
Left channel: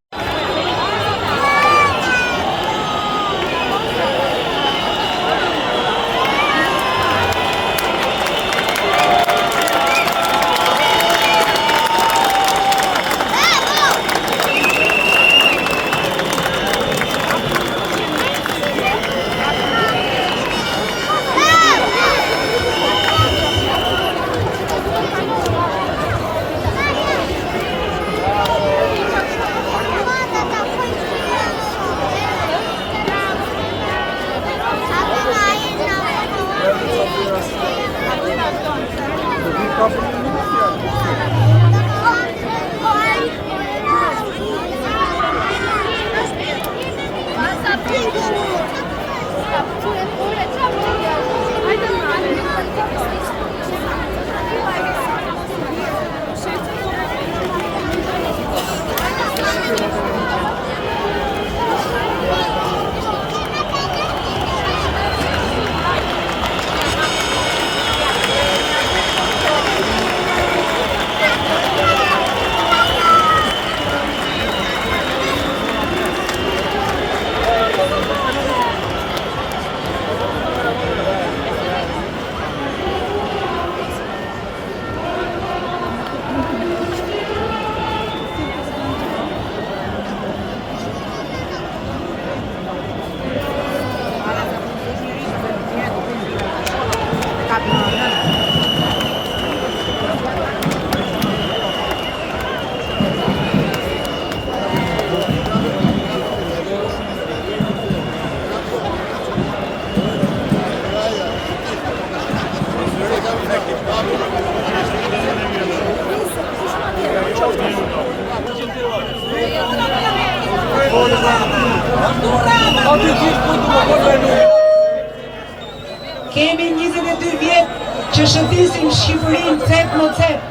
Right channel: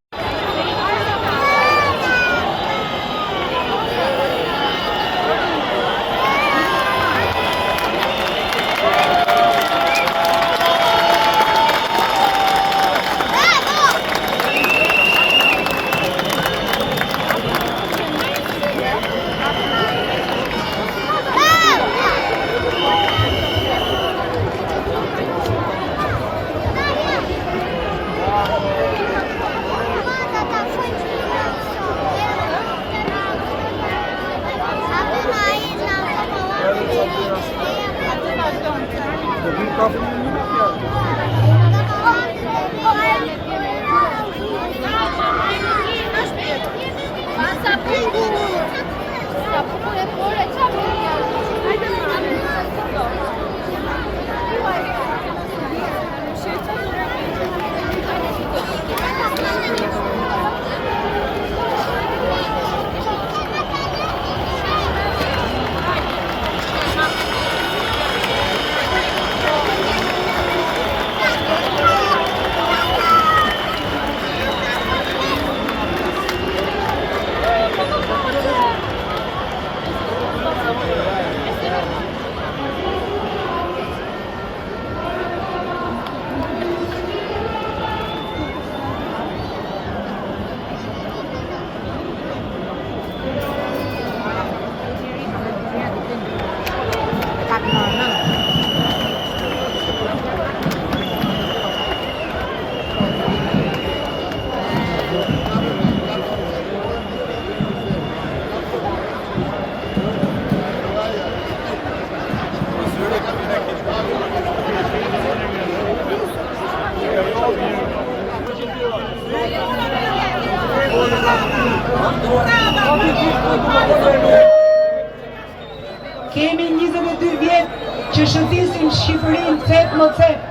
Kemi 22 vjet që shëndisim Shqipërinë cep në cep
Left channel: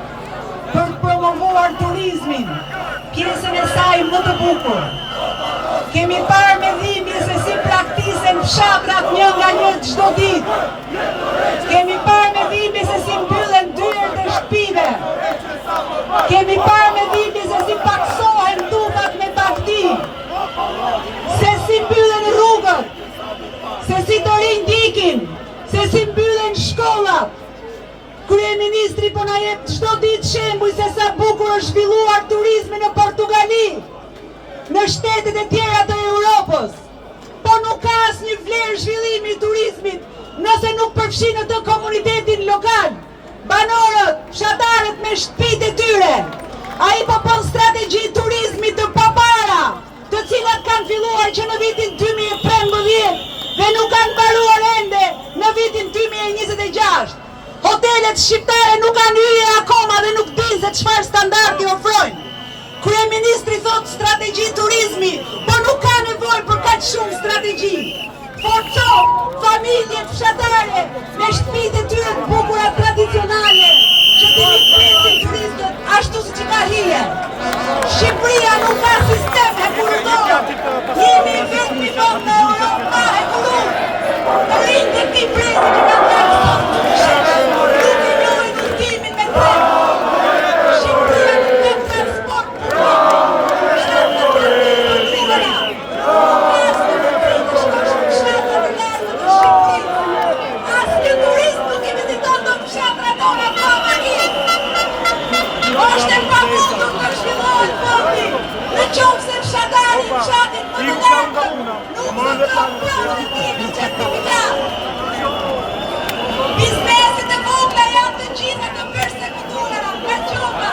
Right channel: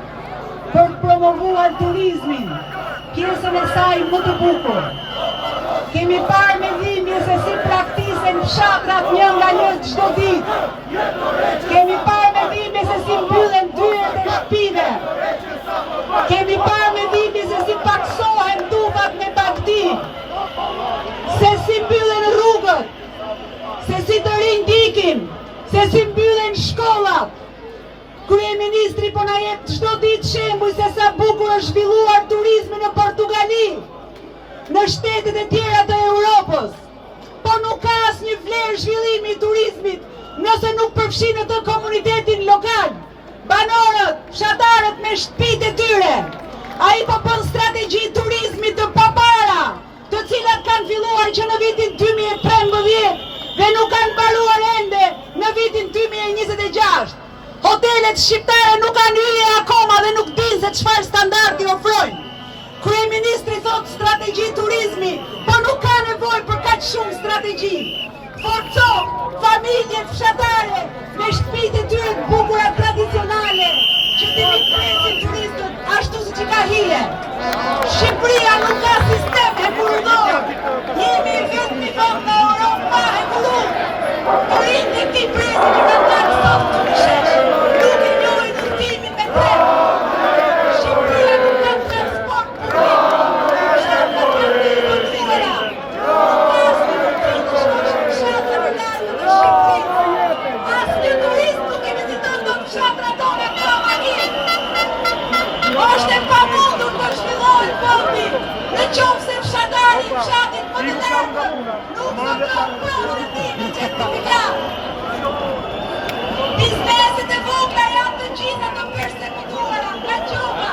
për të promovuar turizmin, pjesën e saj më të bukur. Kemi parë me dhimbje se si praktisen fshatrat një nga një çdo ditë. Kemi parë me dhimbje se si mbyllen dyert e shtëpive. Kemi parë me dhimbje se si paksohen tufat me taktik. Se si mbyllen rrugët, se si të rinj dikin, se si mbyllen shkollat. Kryeministri po na jep çdo ditë shembuj se sa bukur është zhvilluar turizmi në Portugali, në shtetet e tjera të Europës. Po nuk ka asnjë vlerë zhvillimi i turizmit nëse nuk përfshin në të komunitetin lokal, banorët, fshatarët me shtëpitë e tyre. Ai po bën strategji turizmi të papara, të cilat kanë filluar që në vitin 2013 dhe nuk kanë mbaruar ende në vitin 2026. Hotelet shqiptare nuk kanë hyrje akoma dhe nuk dinë se çfarë standardi ofrojnë. Ministri thot strategji turizmi, po nuk ka nevojë për kaq shumë strategji. Forco familjet fshatare me shtëpitë e tyre të bukura tradicionale që të rikthesin turistët ashtu siç i ka hije. Shqipëria nuk ka sistem hekurudor. Jemi vetëm vend në Europë pa hekurur. Rinjtë e këtij brezi që na kanë sot nuk i njohin ndërtimin me treg. Shqipëria nuk ka transport është e pamundur të zhvillohet fondi, në qoftë se fshatari i fshatit më të largët nuk do të provën e tij në certifikat. Bizneset e vogla janë të gjitha të përsekutuara nga qopa.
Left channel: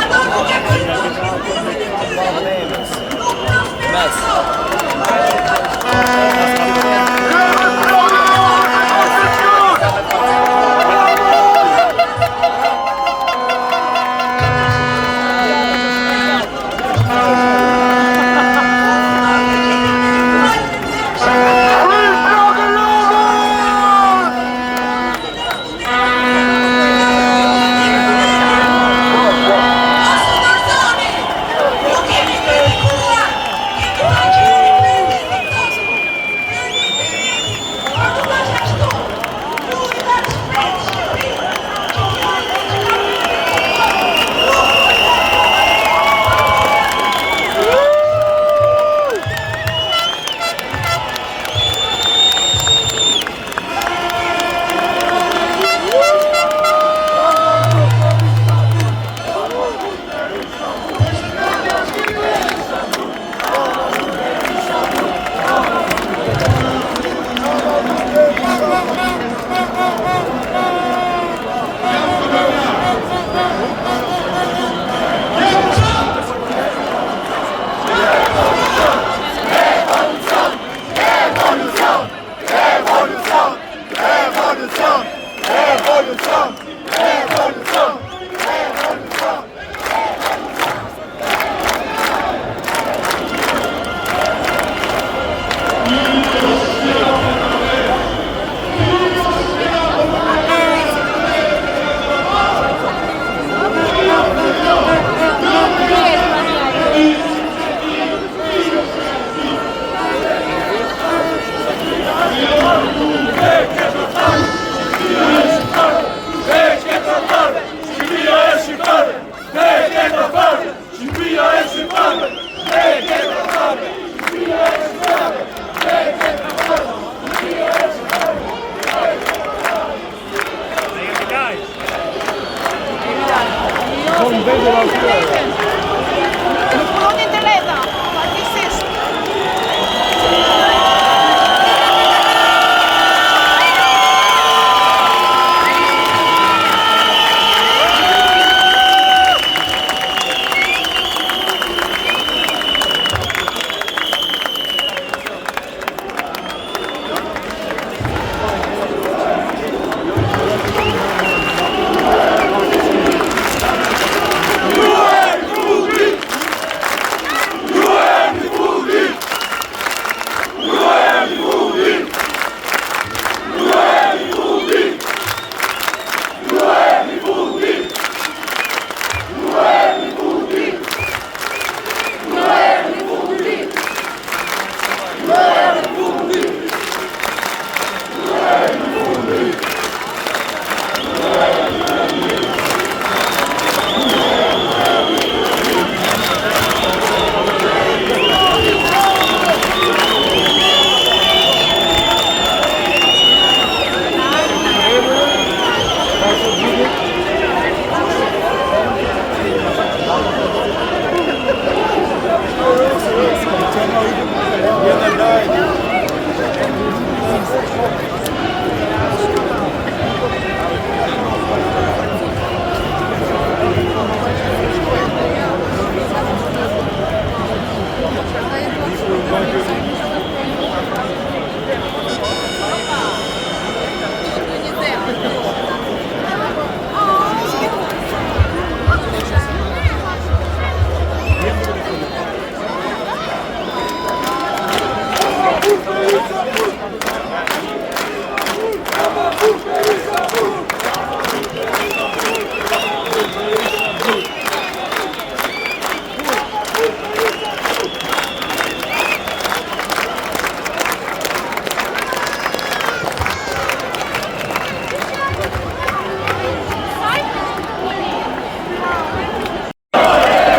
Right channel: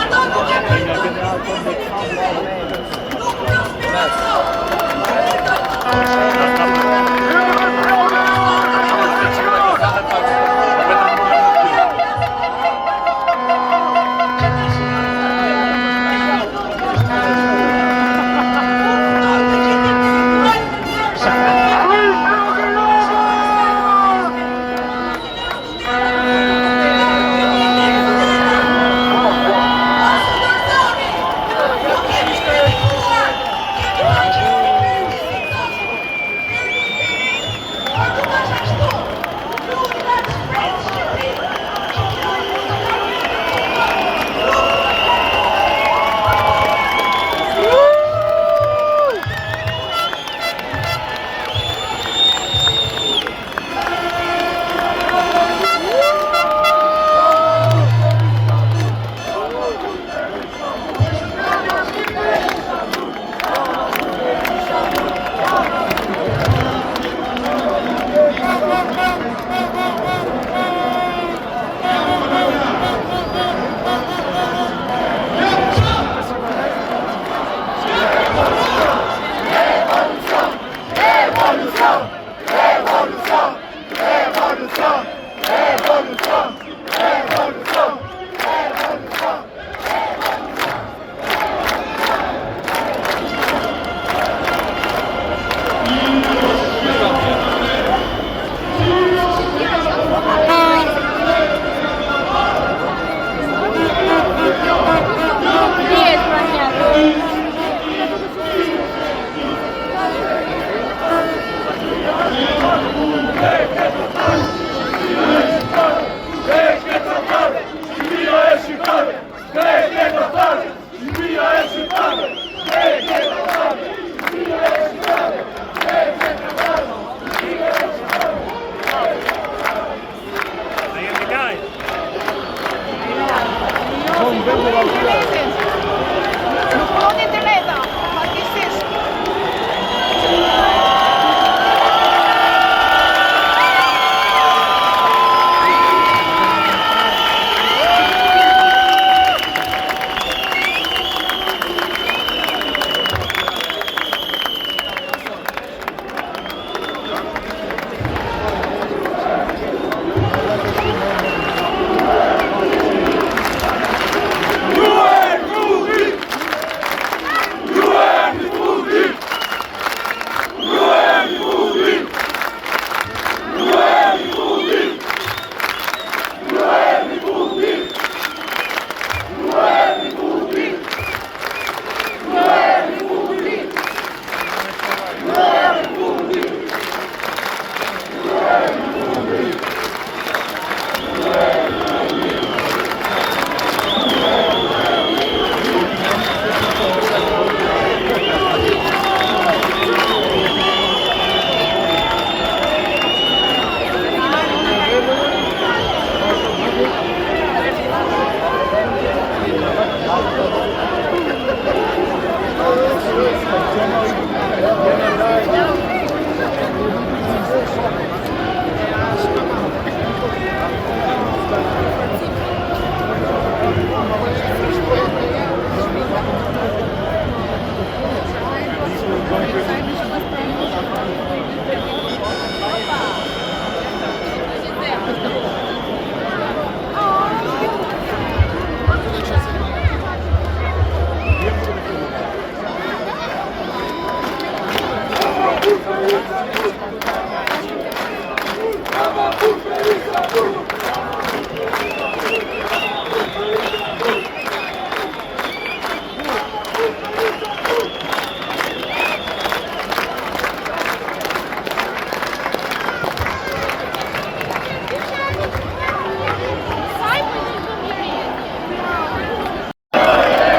Ato nuk e bëjnë dot biznesin e tyre. Nuk prosperojnë sot. Shqipëria e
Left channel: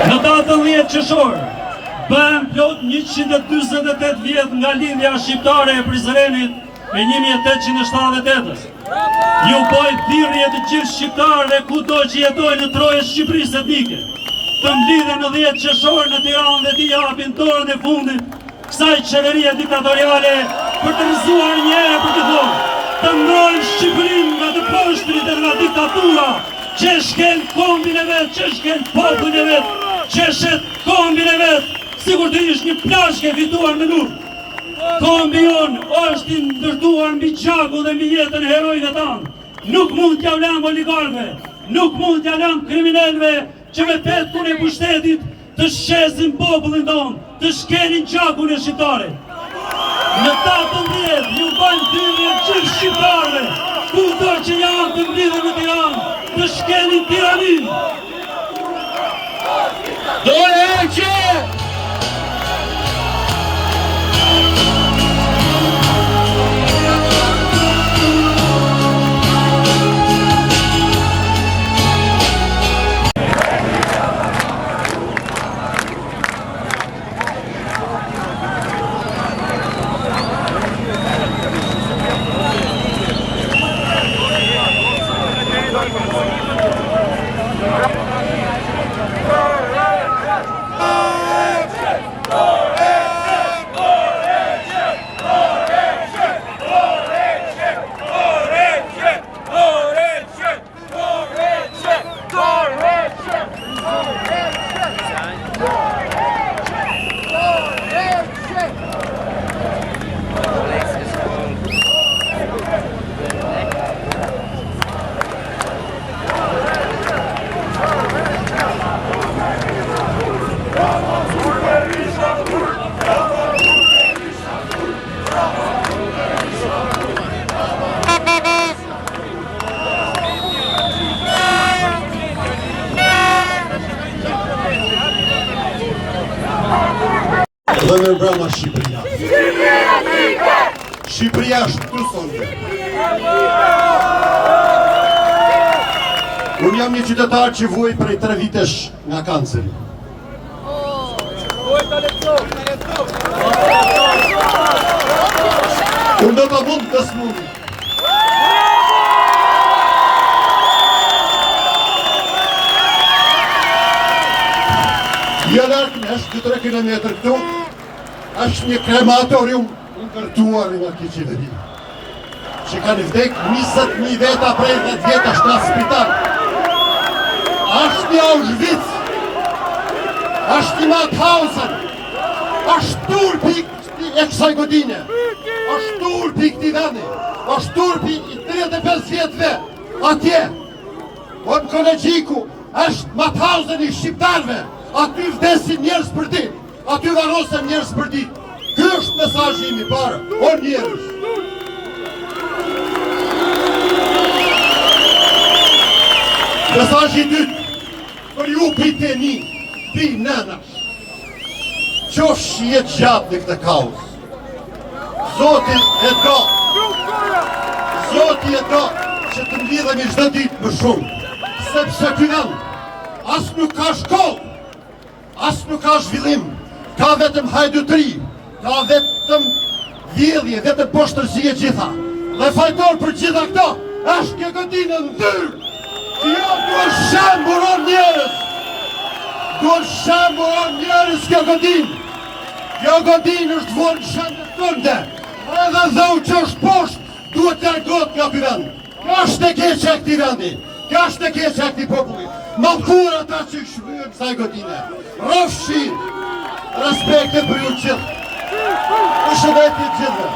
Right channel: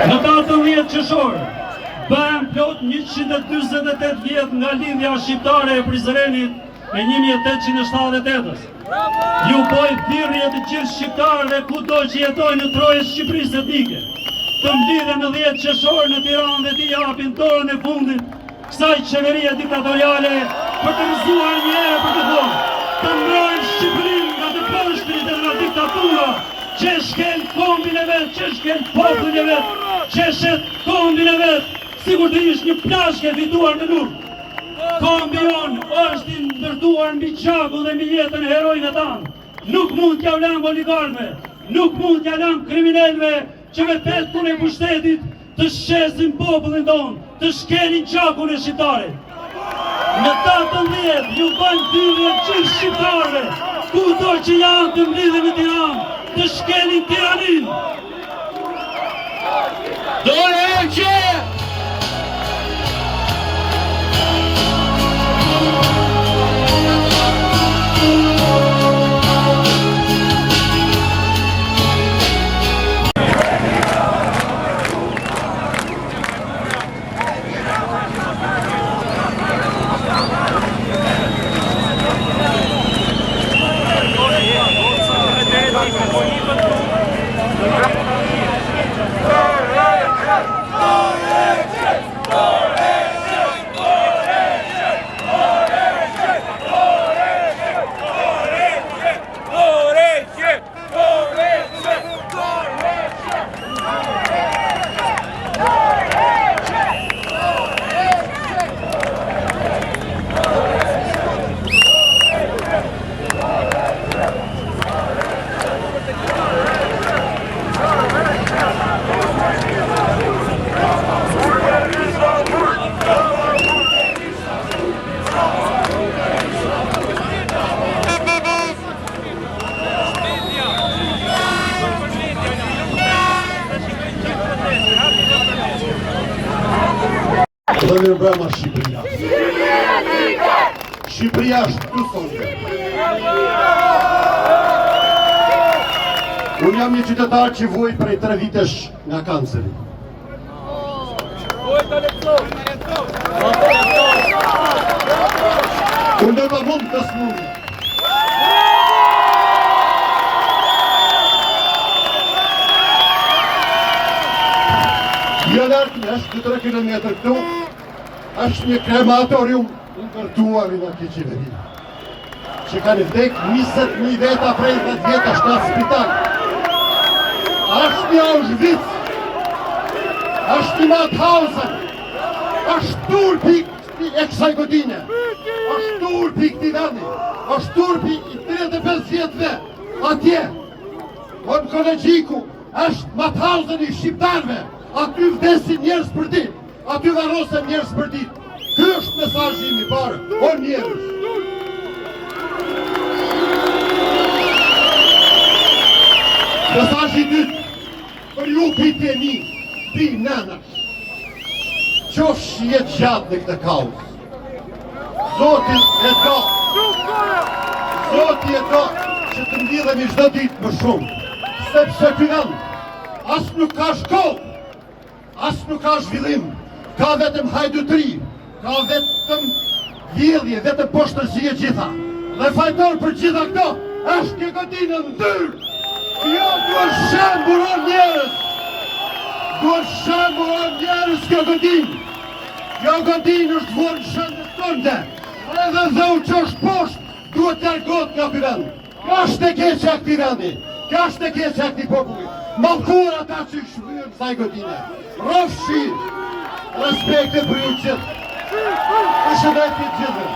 Në 18 qershor, bëhen plot 148 vjet nga lindja shqiptare e Prizrenit e 1878-ës. Ju bëj thirrje të gjithë shqiptarëve kudo që jetojnë në troje Shqipërisë etnike, të mblidhen në 10 qershor në Tiranë dhe t'i japin dorën e fundit kësaj qeverie diktatoriale për të rrëzuar një herë për të thonë, të mbrojnë Shqipërinë nga të poshtrit dhe nga diktatura që shkel kombin e vetë, që shkel popullin e vetë, që shet kombin e vetë, sikur të ish një plashke fituar në luftë. Kombi jonë është i ndërtuar mbi gjakun dhe mbi jetën e herojve tanë. Nuk mund t'ja vlam oligarkëve, nuk mund t'ja vlam kriminalëve që me petkun e pushtetit të shesin popullin tonë, të shkelin gjakun e shqiptarit. Në 18 ju bëjnë thirrje gjithë shqiptarëve, kudo që janë të mblidhen në Tiranë, të shkelin tiraninë. Dorëheqje! Dhe në brama Shqipëria. Shqipëria është të thonë. Unë jam një qytetar që vuaj prej 3 vitesh nga kanceri. Unë do të mund të smuni. Jo lartë në është 2-3 kilometrë këtu, është një krematorium ndërtuar në këtë qeveri, që kanë vdek 20.000 veta prej 10 veta është në spital. Është një Auschwitz, është një Mauthausen, është turpi e kësaj godine, është turpi këti vendi, është turpi i 35 vjetëve atje. O në kolegjiku, është Mauthausen i shqiptarve, aty vdesin njerëz për ditë, aty varosen njerëz për ditë. Ky është mesazhi im i parë, o njerëz. Mesazhi i dytë, për ju piteni, pi nënash, qofsh jetë gjatë në këtë kaos. Zoti e do që të mblidhemi çdo ditë më shumë, sepse ky vend as nuk ka shkollë, as nuk ka zhvillim, ka vetëm hajdutri, ka vetëm vjedhje, vetëm poshtërsi e gjitha. Dhe fajtor për gjitha këto, është kjo godinë ndyrë, që jo duhet shemburon njerëz, duhet shemburon njerëz kjo godinë. Kjo godinë është vonë shëndës tënde, edhe dheu që është poshtë, duhet të largohet nga ky vend. Kjo është e keqe e këtij vendi, kjo është e keqe e këtij populli. Mallkur ata që shfryjnë kësaj godine. Rrofshin, respektet për ju gjithë. Përshëndetje gjithëve.